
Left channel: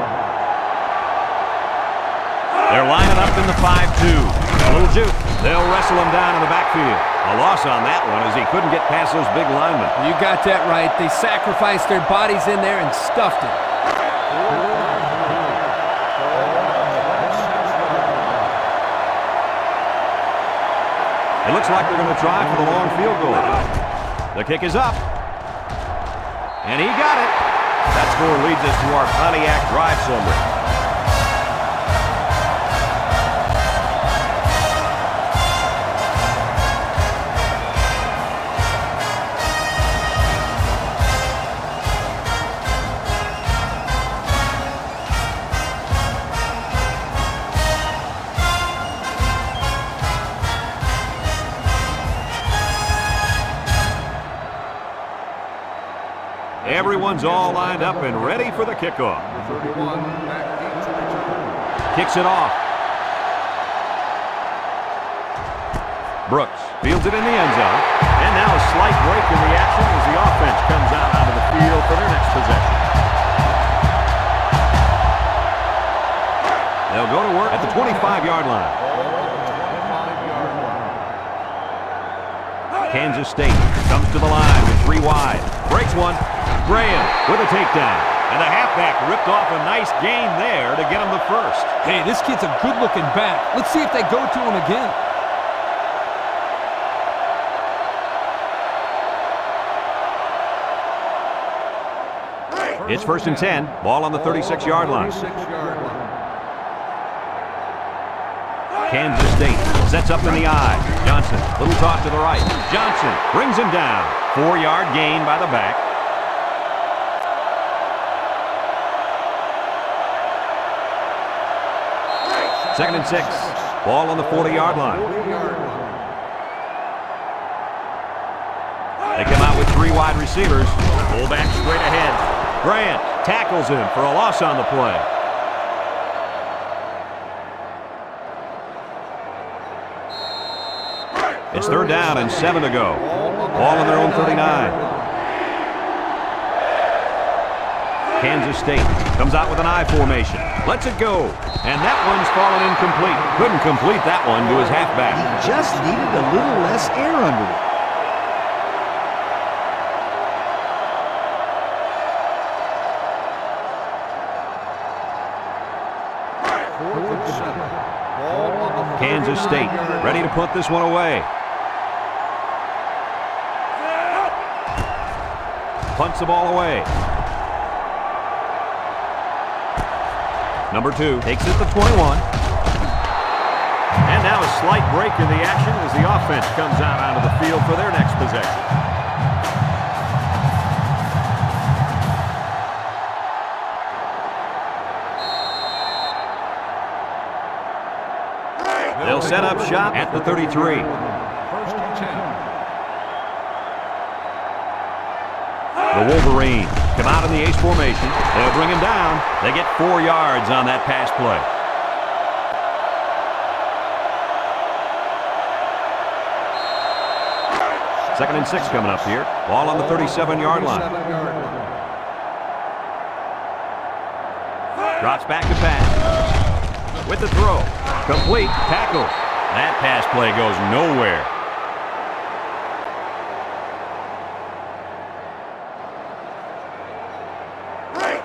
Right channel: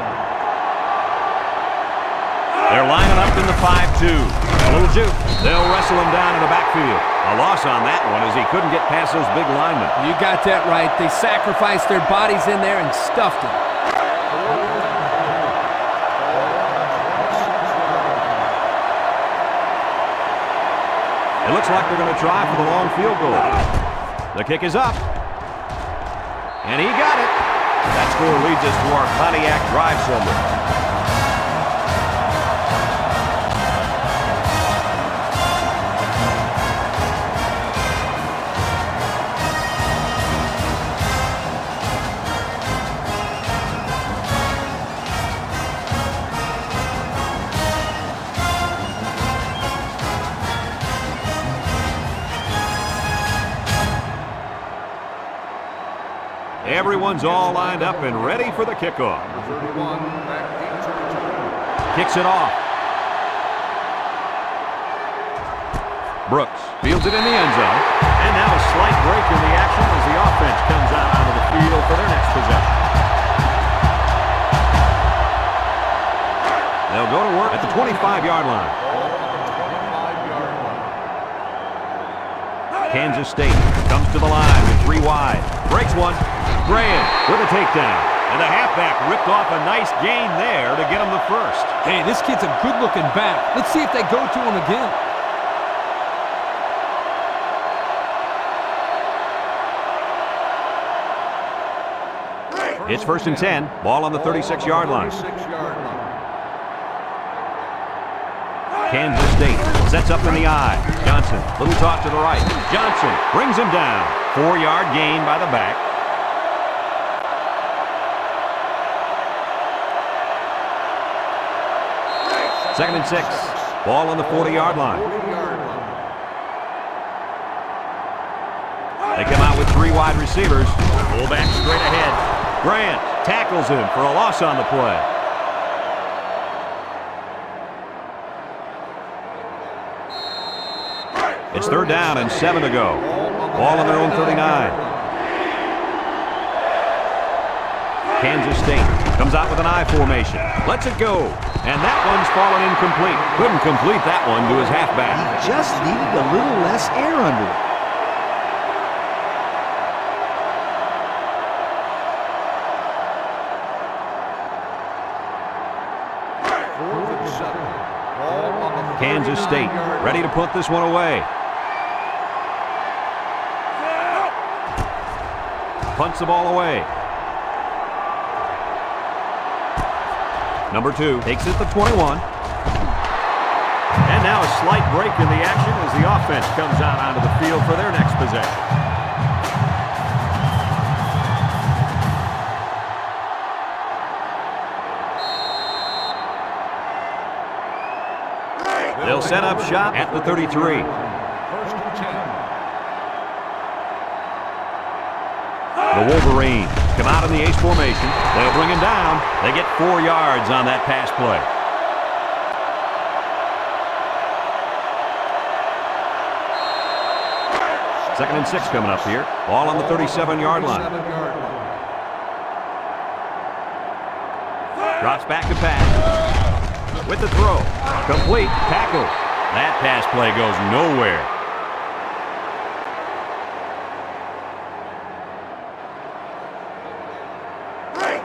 They're lining up in the 5-2. A little juke. They'll wrestle him down in the backfield. A loss on that one as he couldn't get past those big linemen. You got that right. They sacrificed their bodies in there and stuffed him. It looks like they're going to try for the long field goal. The kick is up. And he got it. That score leads us to our Pontiac drive summary. Everyone's all lined up and ready for the kickoff. Number 31, back deep to return. kicks it off. Brooks fields it in the end zone. And now a slight break in the action as the offense comes out onto the field for their next possession. They'll go to work at the 25-yard line. Ball on the 25-yard line. Kansas State comes to the line with 3 wide. Breaks one. Graham with a takedown. And the halfback ripped off a nice gain there to get him the first. Hey, this kid's a good-looking back. Let's see if they go to him again. It's 1st and 10. Ball on the 36-yard line. 36-yard line. Kansas State sets up in the eye. Johnson, little toss to the right. Johnson brings him down. 4-yard gain by the back. Second and 6. Ball on the 40-yard line. 40-yard line. They come out with 3 wide receivers. Fullback straight ahead. Grant tackles him for a loss on the play. It's 3rd down and 7 to go. Ball on their own 39. Kansas State comes out with an I formation. Lets it go. And that one's fallen incomplete. Couldn't complete that one to his halfback. He just needed a little less air under it. Kansas State ready to put this one away. Punts the ball away. Number 2 takes it to 21. And now a slight break in the action as the offense comes out onto the field for their next possession. They'll set up shop at the 33. 1st and 10. The Wolverines come out in the ace formation. They'll bring him down. They get 4 yards on that pass play. Second and 6 coming up here. Ball on the 37-yard line. Drops back to pass. With the throw. Complete. Tackle. That pass play goes nowhere.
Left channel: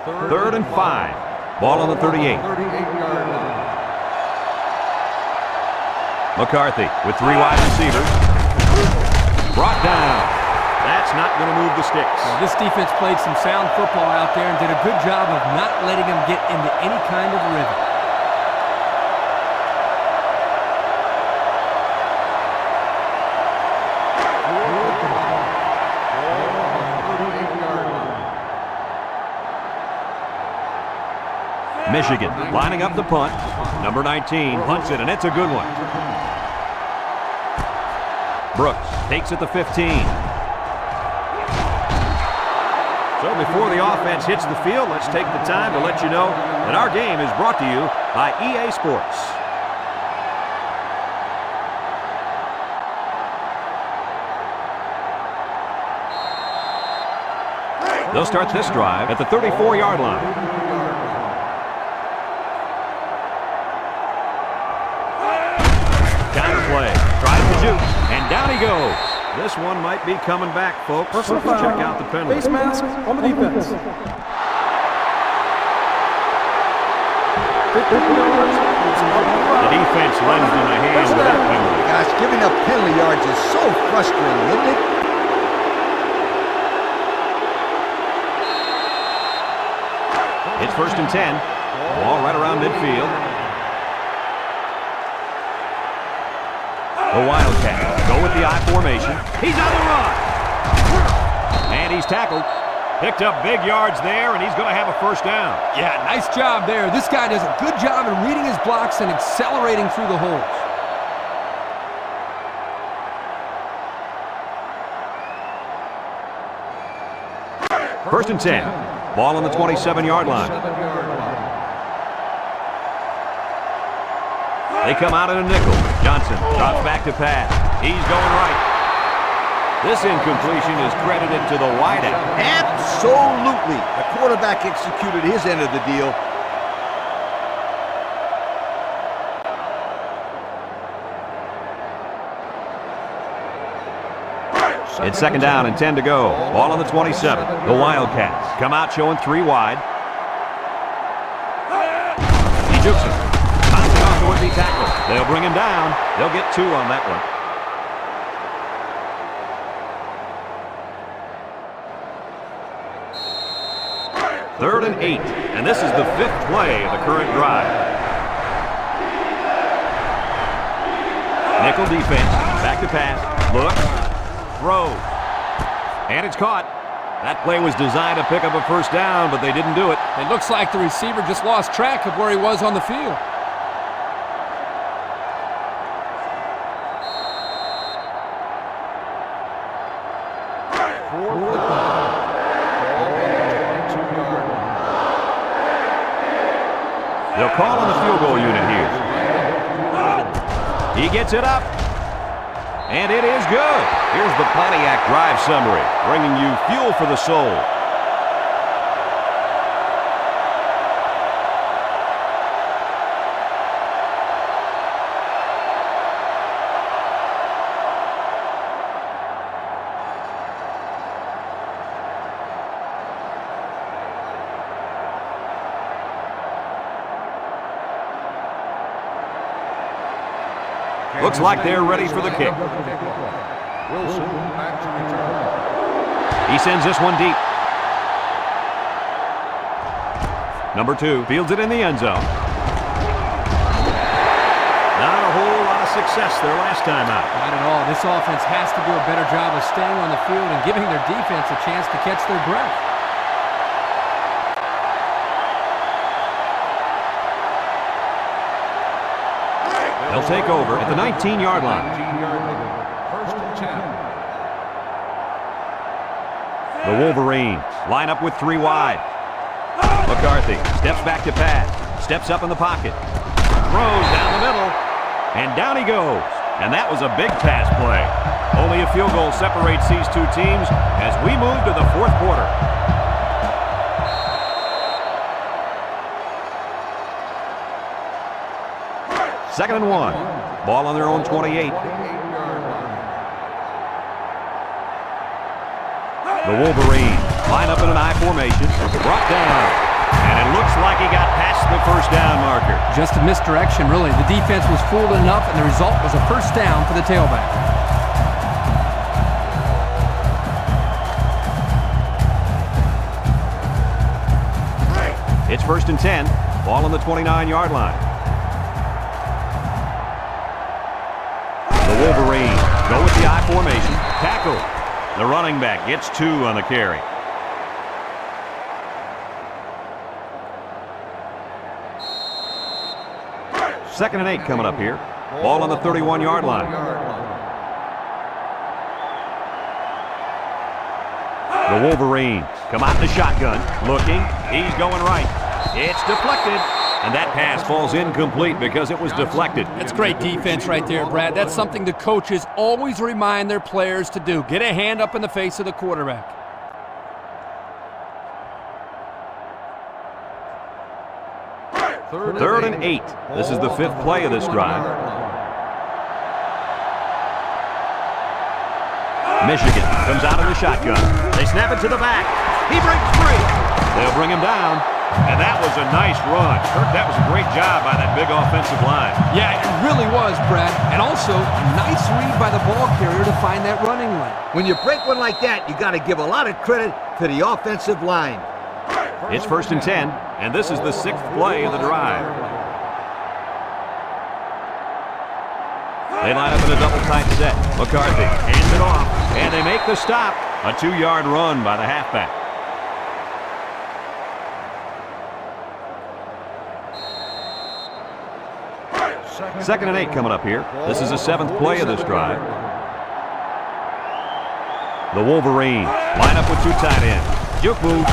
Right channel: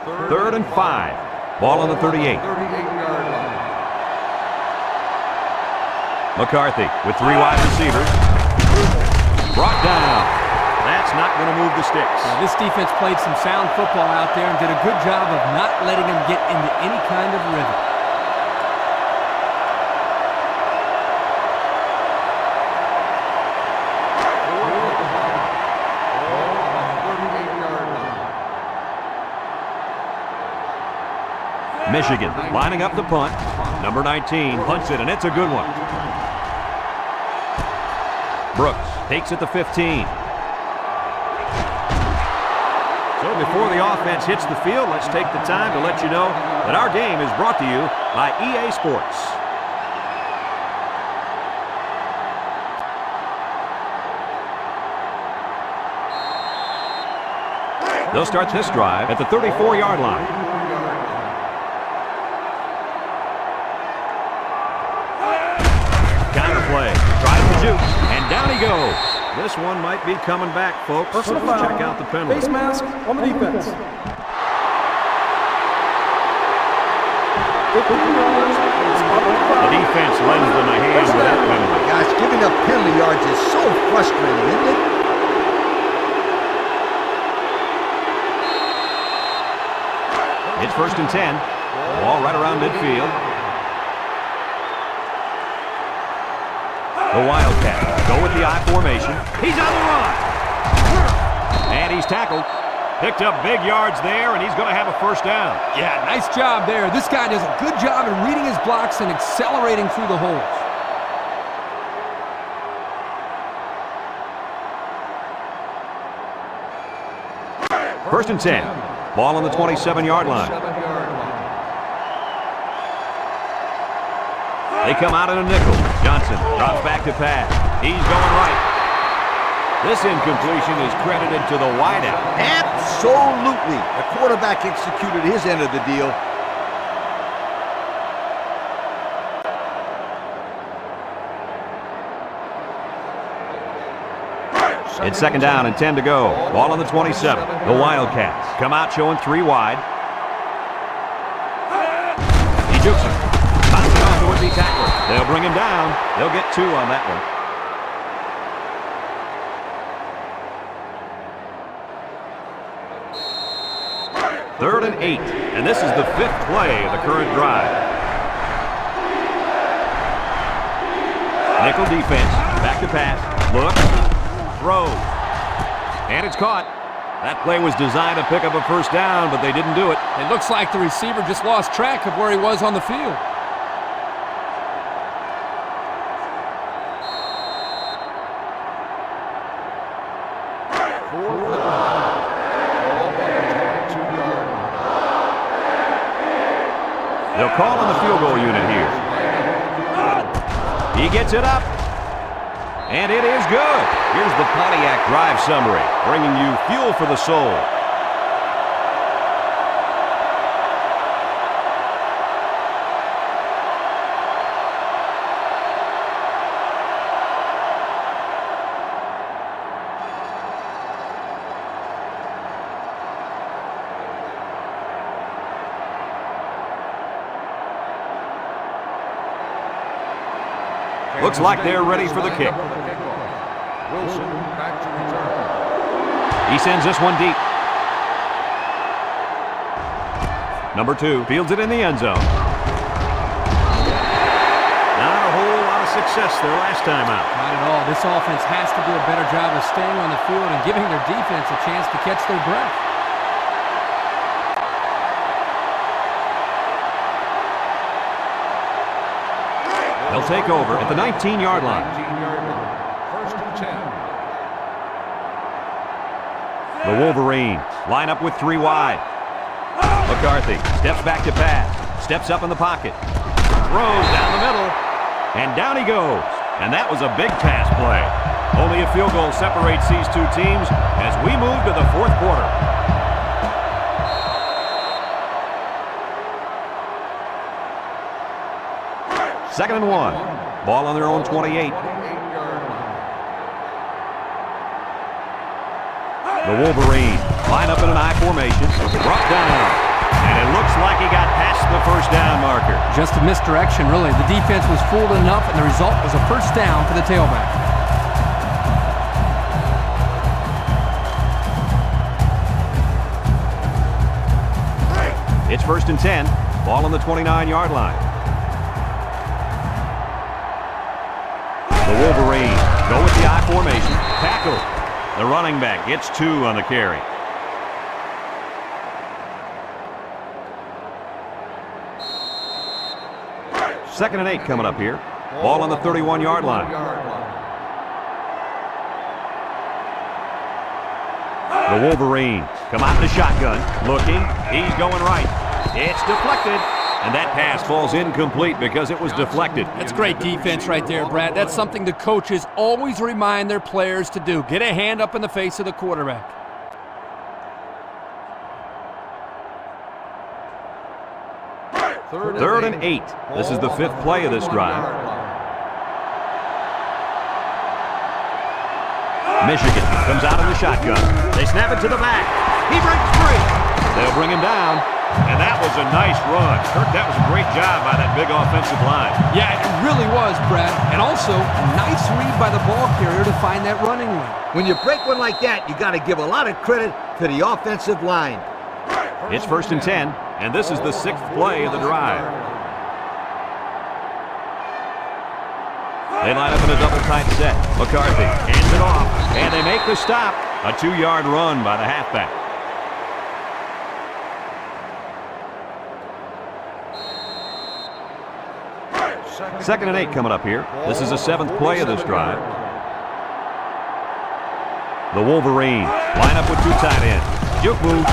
Third and 5. Ball on the 38. 38-yard line. McCarthy with 3 wide receivers. Brought down. That's not going to move the sticks. Yeah, this defense played some sound football out there and did a good job of not letting them get into any kind of rhythm. Ball on the 38-yard line. Michigan lining up the punt. Number 19 punts it, and it's a good one. Brooks takes it to 15. So before the offense hits the field, let's take the time to let you know that our game is brought to you by EA Sports. They'll start this drive at the 34-yard line. Counter play, tries to shoot, and down he goes. This one might be coming back, folks. Personal Let's foul. check out the penalty. Face mask on the defense. 15 yards from the spot of the foul. The defense lends them a hand with that penalty. Gosh, giving up penalty yards is so frustrating, isn't it? It's 1st and 10. Ball right around midfield. The Wildcats go with the I formation. He's on the run. And he's tackled. Picked up big yards there, and he's going to have a first down. Yeah, nice job there. This guy does a good job in reading his blocks and accelerating through the holes. First and 10. Ball on the 27-yard line. They come out in a nickel. Johnson drops back to pass. He's going right. This incompletion is credited to the wideout. Absolutely. The quarterback executed his end of the deal. It's second down and 10 to go. Ball on the 27. The Wildcats come out showing 3 wide. He jukes him. Bounces off the would-be tackler. They'll bring him down. They'll get 2 on that one. Third and 8. And this is the 5th play of the current drive. Nickel defense. Back to pass. Look. Throws. And it's caught. That play was designed to pick up a first down, but they didn't do it. It looks like the receiver just lost track of where he was on the field. Fourth and 9. Ball on the 22-yard line. They'll call on the field goal unit here. He gets it up. And it is good. Here's the Pontiac drive summary, bringing you fuel for the soul. Looks like they're ready for the kick. Wilson back to return. He sends this one deep. Number 2 fields it in the end zone. Not a whole lot of success their last time out. Not at all. This offense has to do a better job of staying on the field and giving their defense a chance to catch their breath. They'll take over at the 19-yard line. 19-yard line. First and 10. The Wolverines line up with 3 wide. McCarthy steps back to pass. Steps up in the pocket. Throws down the middle. And down he goes. And that was a big pass play. Only a field goal separates these 2 teams as we move to the 4th quarter. Second and 1. Ball on their own 28. 28-yard line. The Wolverines line up in an I formation. Brought down. And it looks like he got past the first down marker. Just a misdirection, really. The defense was fooled enough, and the result was a first down for the tailback. It's first and 10. Ball on the 29-yard line. The Wolverines go with the I formation. Tackle. The running back gets 2 on the carry. Second and 8 coming up here. Ball on the 31-yard line. The Wolverines come out in the shotgun. Looking. He's going right. It's deflected. And that pass falls incomplete because it was deflected. That's great defense right there, Brad. That's something the coaches always remind their players to do. Get a hand up in the face of the quarterback. Third and 8. This is the 5th play of this drive. Michigan comes out in the shotgun. They snap it to the back. He breaks free. They'll bring him down. And that was a nice run. Kirk, that was a great job by that big offensive line. Yeah, it really was, Brad. And also, a nice read by the ball carrier to find that running lane. When you break one like that, you got to give a lot of credit to the offensive line. It's first and 10, and this is the 6th play of the drive. They line up in a double tight set. McCarthy hands it off, and they make the stop. A 2-yard run by the halfback. Second and 8 coming up here. This is the 7th play of this drive. The Wolverines line up with 2 tight ends. Juke move.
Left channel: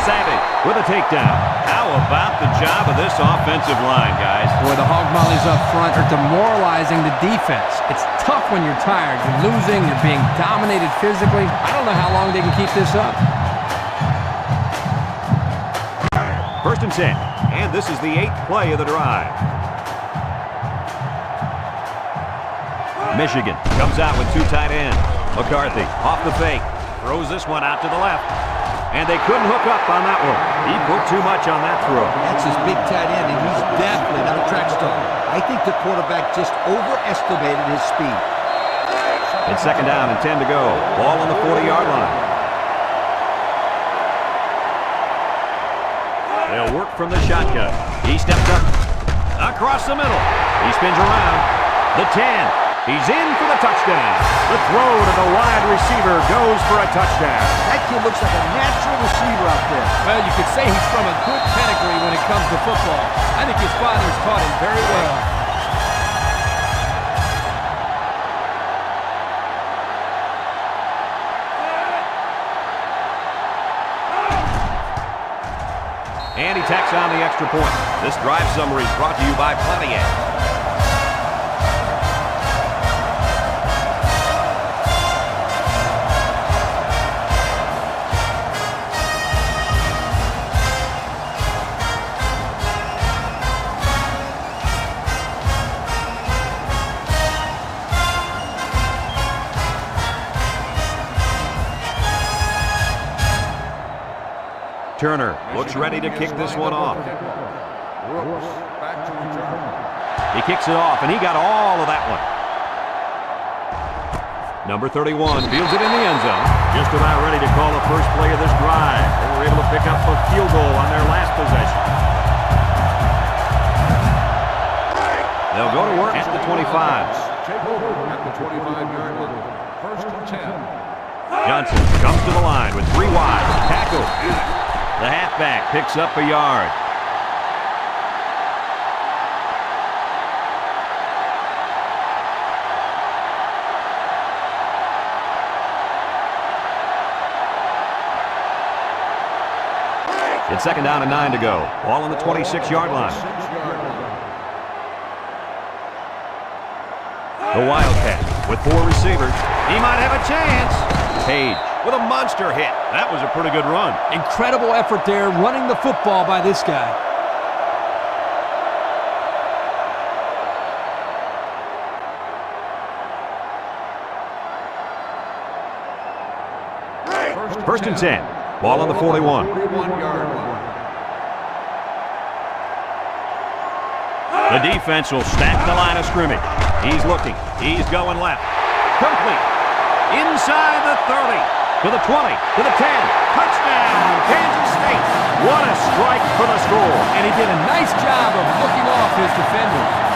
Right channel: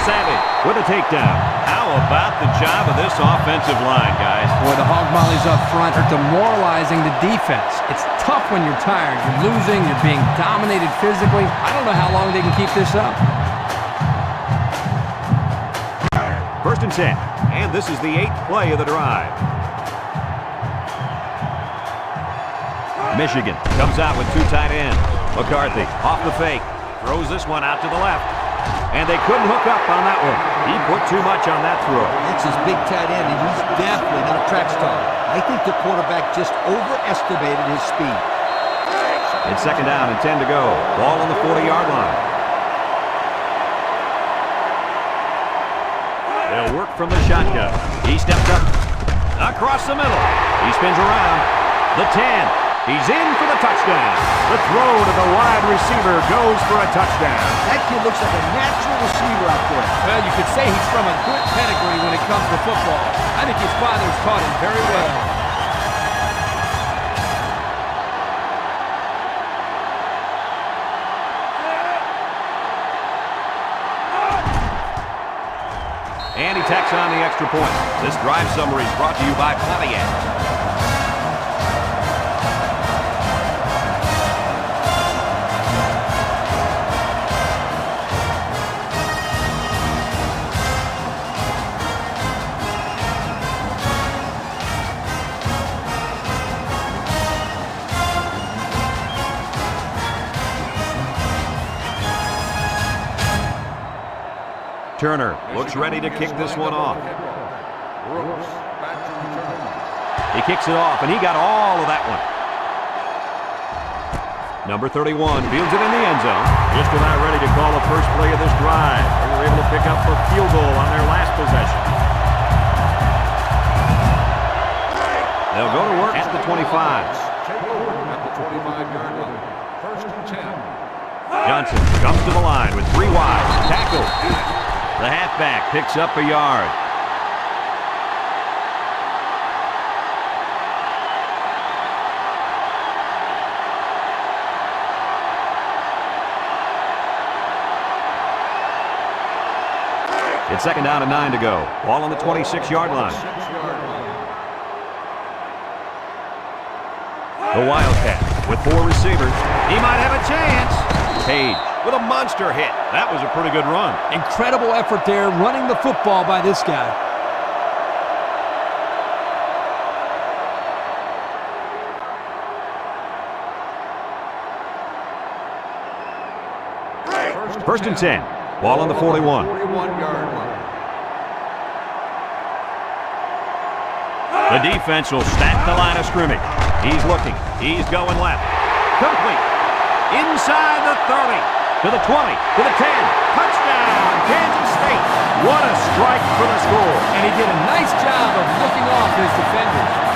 Savage with a takedown. How about the job of this offensive line, guys? Boy, the hog mollies up front are demoralizing the defense. It's tough when you're tired. You're losing. You're being dominated physically. I don't know how long they can keep this up. 1st and 10. And this is the 8th play of the drive. Michigan comes out with 2 tight ends. McCarthy off the fake. Throws this one out to the left. And they couldn't hook up on that one. He put too much on that throw. That's his big tight end, and he's definitely not a track star. I think the quarterback just overestimated his speed. It's 2nd down and 10 to go. Ball on the 40-yard line. They'll work from the shotgun. He steps up across the middle. He spins around. The 10. He's in for the touchdown. The throw to the wide receiver goes for a touchdown. That kid looks like a natural receiver out there. Well, you could say he's from a good pedigree when it comes to football. I think his father's taught him very well. And he tacks on the extra point. This drive summary is brought to you by Pontiac. Turner looks ready to kick this one off. Brooks back to return. He kicks it off, and he got all of that one. Number 31 fields it in the end zone. Just about ready to call the first play of this drive. They were able to pick up a field goal on their last possession. They'll go to work at the 25. Take over at the 25-yard line. 1st and 10. Johnson comes to the line with 3 wide. Tackle. The halfback picks up a yard. It's 2nd down and 9 to go. Ball on the 26-yard line. The Wildcats with 4 receivers. He might have a chance. Page with a monster hit. That was a pretty good run. Incredible effort there running the football by this guy. First and 10. Ball on the 41. 41-yard line. The defense will stack the line of scrimmage. He's looking. He's going left. Complete. Inside the 30. To the 20. To the 10. Touchdown, Kansas State. What a strike for the score. And he did a nice job of looking off his defenders.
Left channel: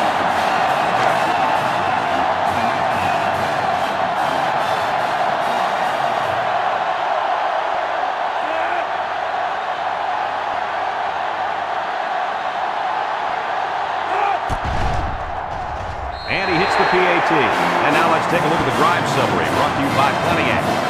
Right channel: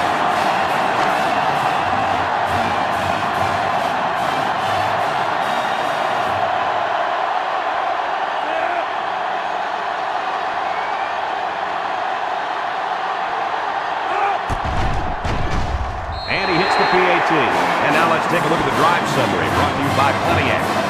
And he hits the PAT. And now let's take a look at the drive summary brought to you by Pontiac.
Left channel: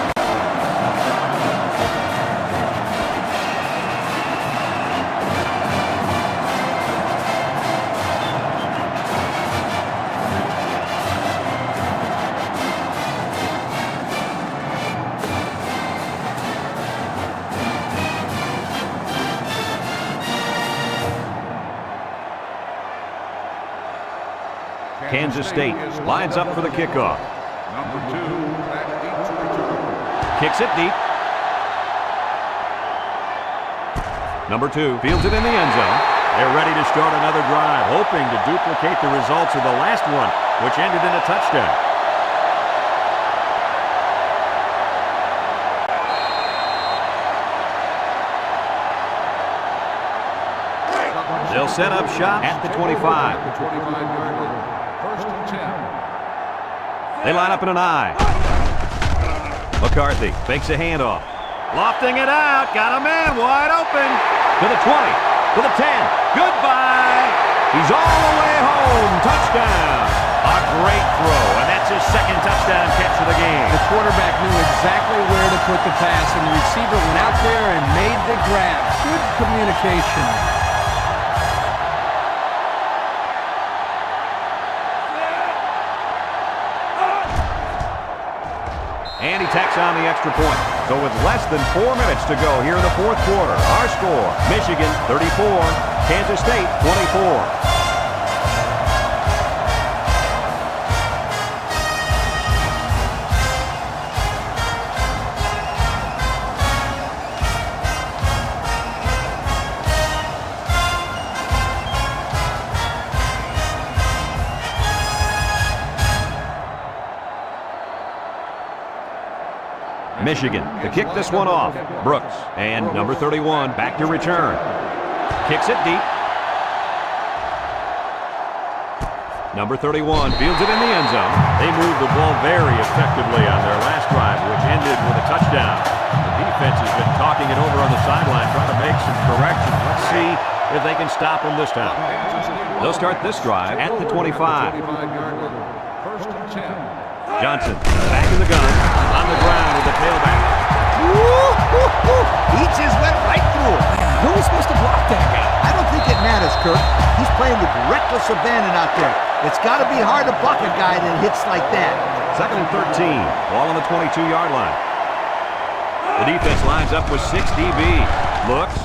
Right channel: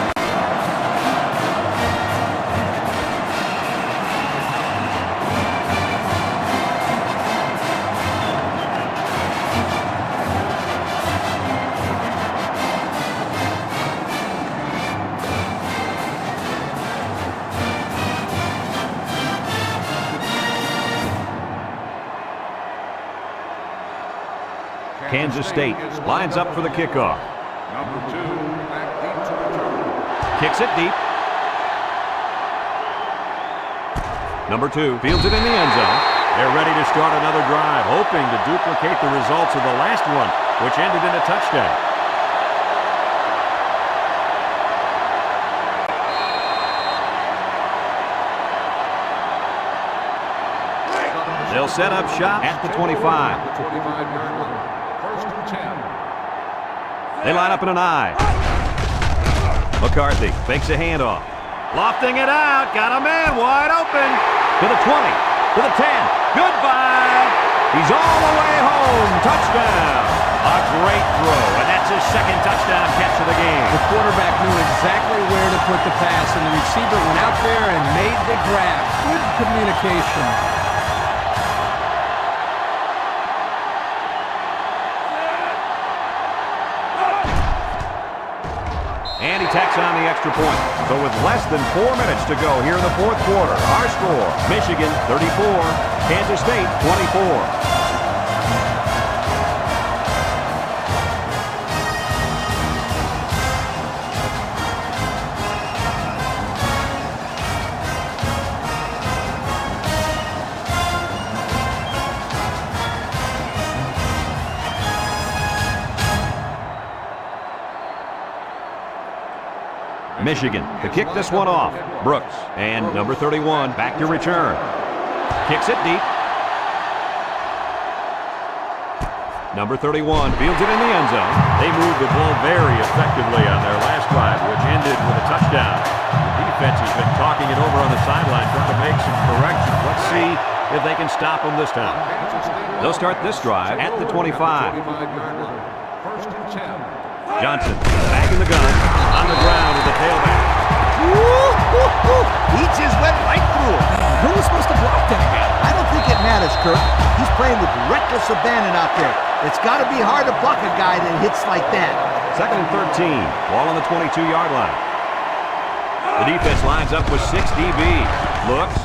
Kansas State lines up for the kickoff. Number 2 back deep to return. Kicks it deep. Number 2 fields it in the end zone. They're ready to start another drive, hoping to duplicate the results of the last one, which ended in a touchdown. They'll set up shop at the 25. At the 25-yard line. 1st and 10. They line up in an I. McCarthy fakes a handoff. Lofting it out. Got a man wide open. To the 20. To the 10. Goodbye. He's all the way home. Touchdown. A great throw, and that's his 2nd touchdown catch of the game. The quarterback knew exactly where to put the pass, and the receiver went out there and made the grab. Good communication. And he tacks on the extra point. So with less than 4 minutes to go here in the fourth quarter, our score, Michigan 34, Kansas State 24. Michigan to kick this one off. Brooks and number 31 back to return. Kicks it deep. Number 31 fields it in the end zone. They moved the ball very effectively on their last drive, which ended with a touchdown. The defense has been talking it over on the sideline, trying to make some corrections. Let's see if they can stop them this time. They'll start this drive at the 25. First and 10. Johnson back in the gun, on the ground with the tailback. He just went right through him. Who was supposed to block that guy? I don't think it matters, Kirk. He's playing with reckless abandon out there. It's got to be hard to block a guy that hits like that. Second and 13, ball on the 22-yard line. The defense lines up with 6 DB. Looks,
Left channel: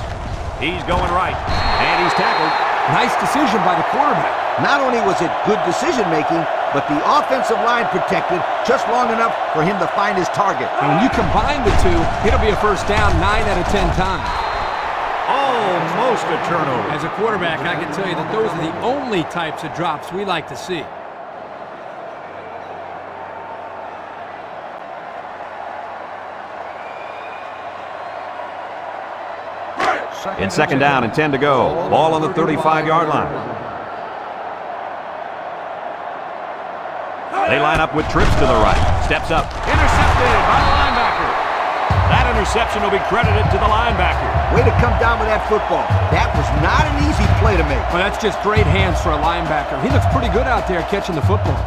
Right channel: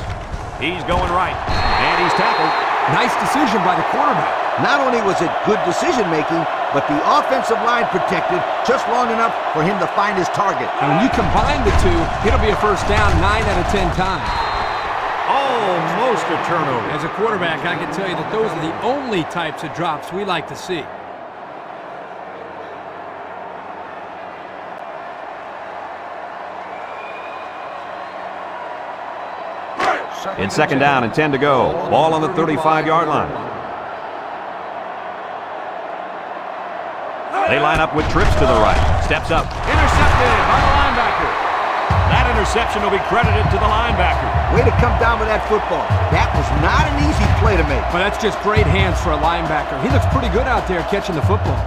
he's going right, and he's tackled. Nice decision by the quarterback. Not only was it good decision-making, but the offensive line protected just long enough for him to find his target. And when you combine the two, it'll be a first down 9 out of 10 times. Almost a turnover. As a quarterback, I can tell you that those are the only types of drops we like to see. It's second down and 10 to go. Ball on the 35-yard line. They line up with trips to the right. Steps up. Intercepted by the linebacker. That interception will be credited to the linebacker. Way to come down with that football. That was not an easy play to make. But that's just great hands for a linebacker. He looks pretty good out there catching the football.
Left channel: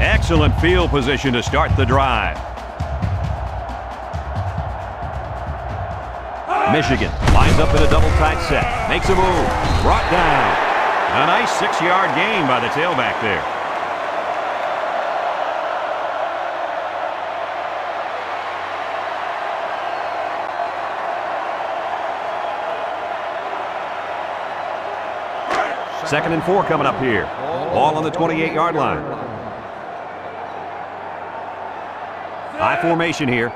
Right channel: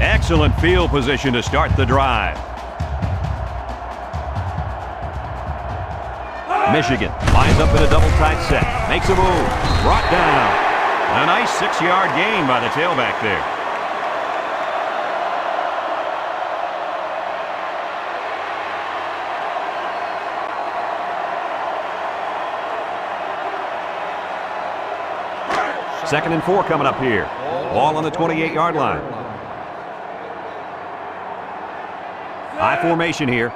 Excellent field position to start the drive. Michigan lines up in a double tight set. Makes a move. Brought down. A nice 6-yard gain by the tailback there. Second and 4 coming up here. Ball on the 28-yard line. High formation here.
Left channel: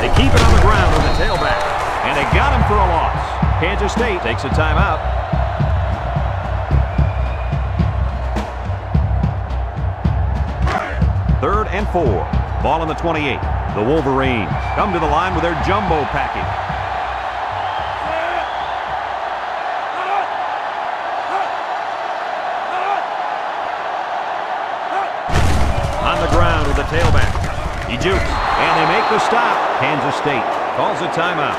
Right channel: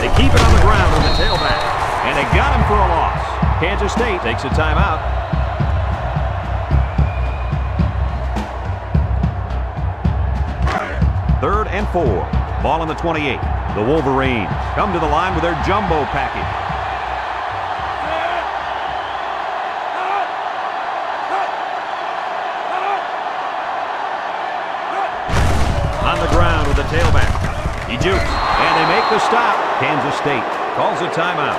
They keep it on the ground with the tailback, and they got him for a loss. Kansas State takes a timeout. Third and 4. Ball on the 28. The Wolverines come to the line with their jumbo package. On the ground with the tailback. He jukes, and they make the stop. Kansas State calls a timeout.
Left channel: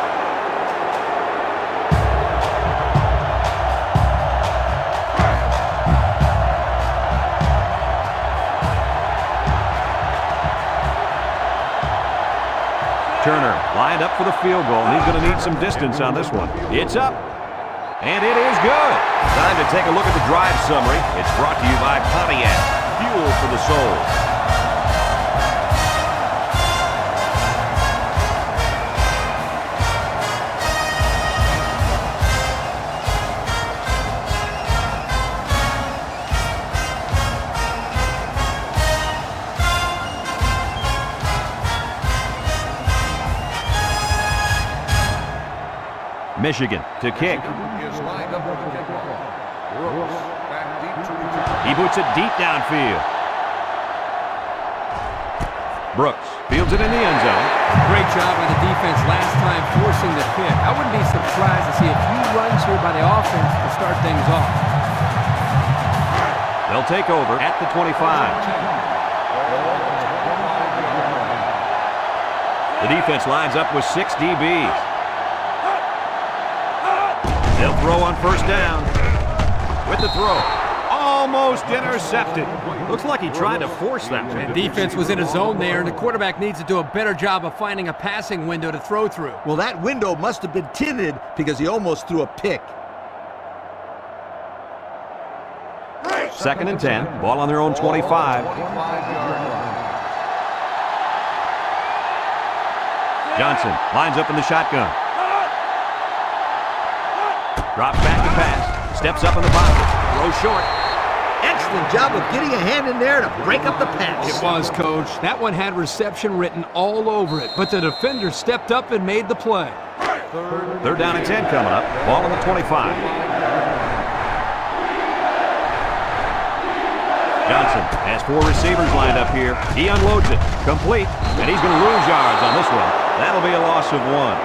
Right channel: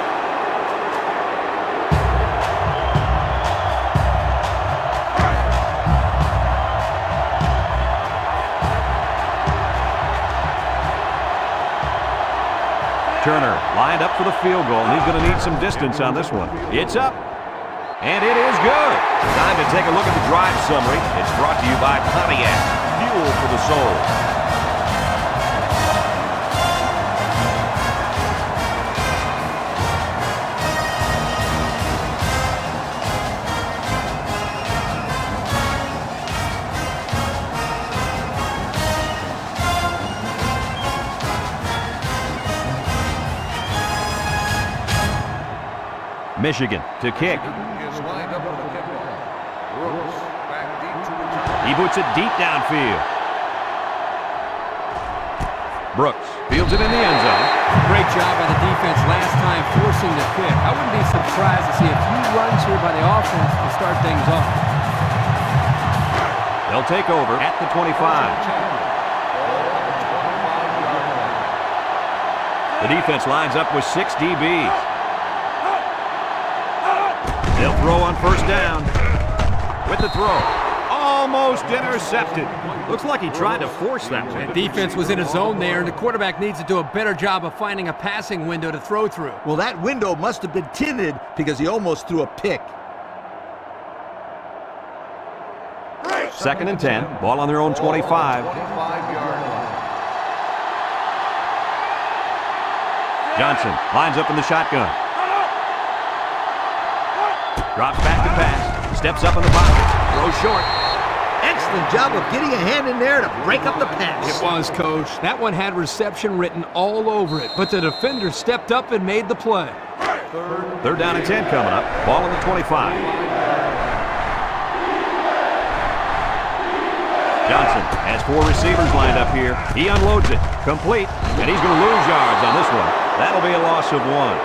Turner lined up for the field goal, and he's going to need some distance on this one. It's up, and it is good. Time to take a look at the drive summary. It's brought to you by Pontiac, fuel for the soul. Michigan to kick. Is lined up for the kickoff. Brooks back deep to return. He boots it deep downfield. Brooks fields it in the end zone. Great job by the defense last time forcing the pick. I wouldn't be surprised to see a few runs here by the offense to start things off. They'll take over at the 25. Ball on the 25-yard line. The defense lines up with 6 DBs. They'll throw on first down. With the throw. Almost intercepted. Looks like he tried to force that one. And defense was in a zone there, and the quarterback needs to do a better job of finding a passing window to throw through. Well, that window must have been tinted because he almost threw a pick. 2nd and 10. Ball on their own 25. 25-yard line. Johnson lines up in the shotgun. Drops back to pass. Steps up in the pocket. Throws short. Excellent job of getting a hand in there to break up the pass. It was, Coach. That one had reception written all over it, but the defender stepped up and made the play. 3rd down and 10 coming up. Ball on the 25. Johnson has 4 receivers lined up here. He unloads it. Complete. And he's going to lose yards on this one. That'll be a loss of 1.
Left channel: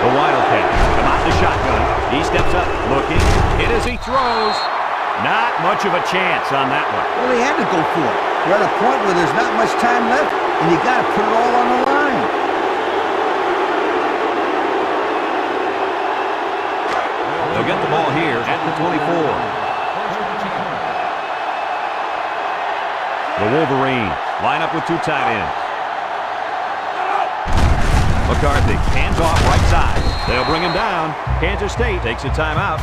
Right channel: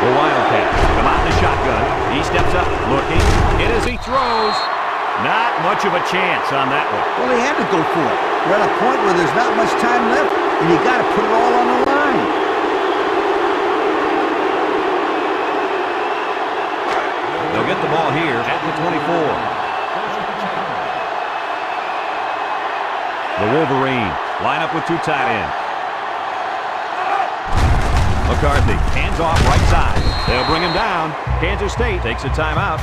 The Wildcats come out in the shotgun. He steps up, looking. Hit as he throws. Not much of a chance on that one. Well, he had to go for it. We're at a point where there's not much time left, and you got to put it all on the line. They'll get the ball here at the 24. First and 10. The Wolverines line up with 2 tight ends. McCarthy, hands off right side. They'll bring him down. Kansas State takes a timeout.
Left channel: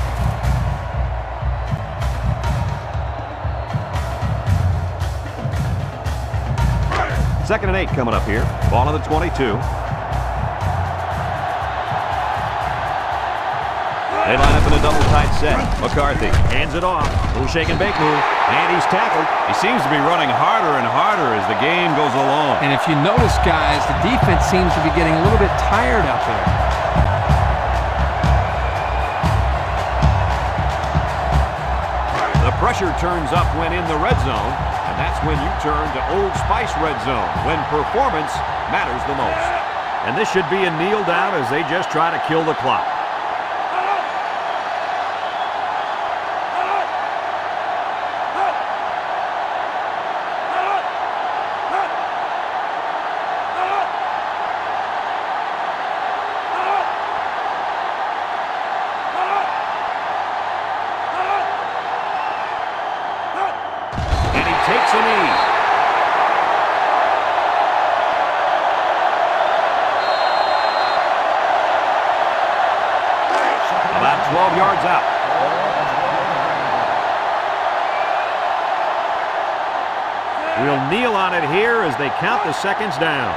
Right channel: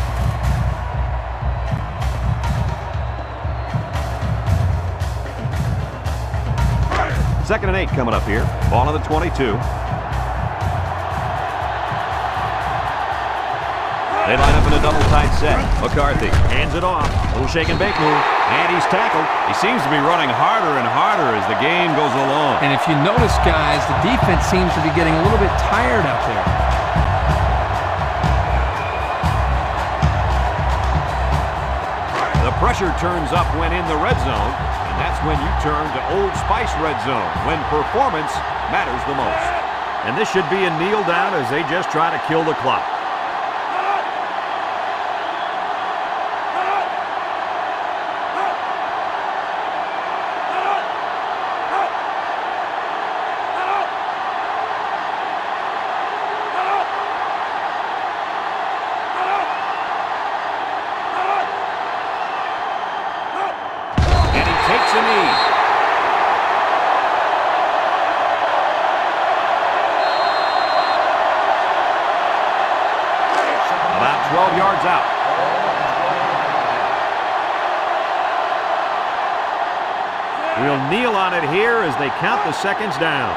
Second and 8 coming up here. Ball on the 22. They line up in a double tight set. McCarthy hands it off. Little shake and bake move. And he's tackled. He seems to be running harder and harder as the game goes along. And if you notice, guys, the defense seems to be getting a little bit tired out there. The pressure turns up when in the red zone, and that's when you turn to Old Spice red zone, when performance matters the most. And this should be a kneel down as they just try to kill the clock. Takes a knee. About 12 yards out. We'll kneel on it here as they count the seconds down.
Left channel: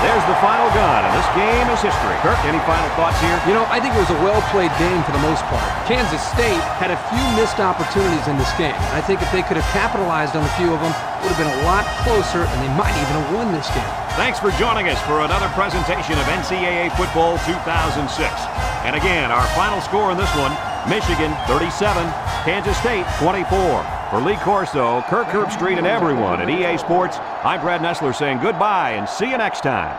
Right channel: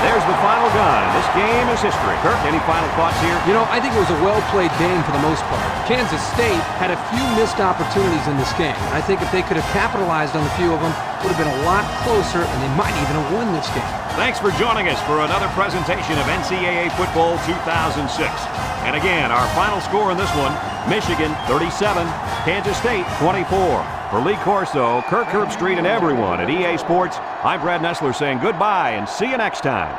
There's the final gun, and this game is history. Kirk, any final thoughts here? You know, I think it was a well-played game for the most part. Kansas State had a few missed opportunities in this game. I think if they could have capitalized on a few of them, it would have been a lot closer, and they might even have won this game. Thanks for joining us for another presentation of NCAA Football 2006. And again, our final score in this one, Michigan 37, Kansas State 24. For Lee Corso, Kirk Herbstreit, and everyone at EA Sports, I'm Brad Nessler saying goodbye and see you next time.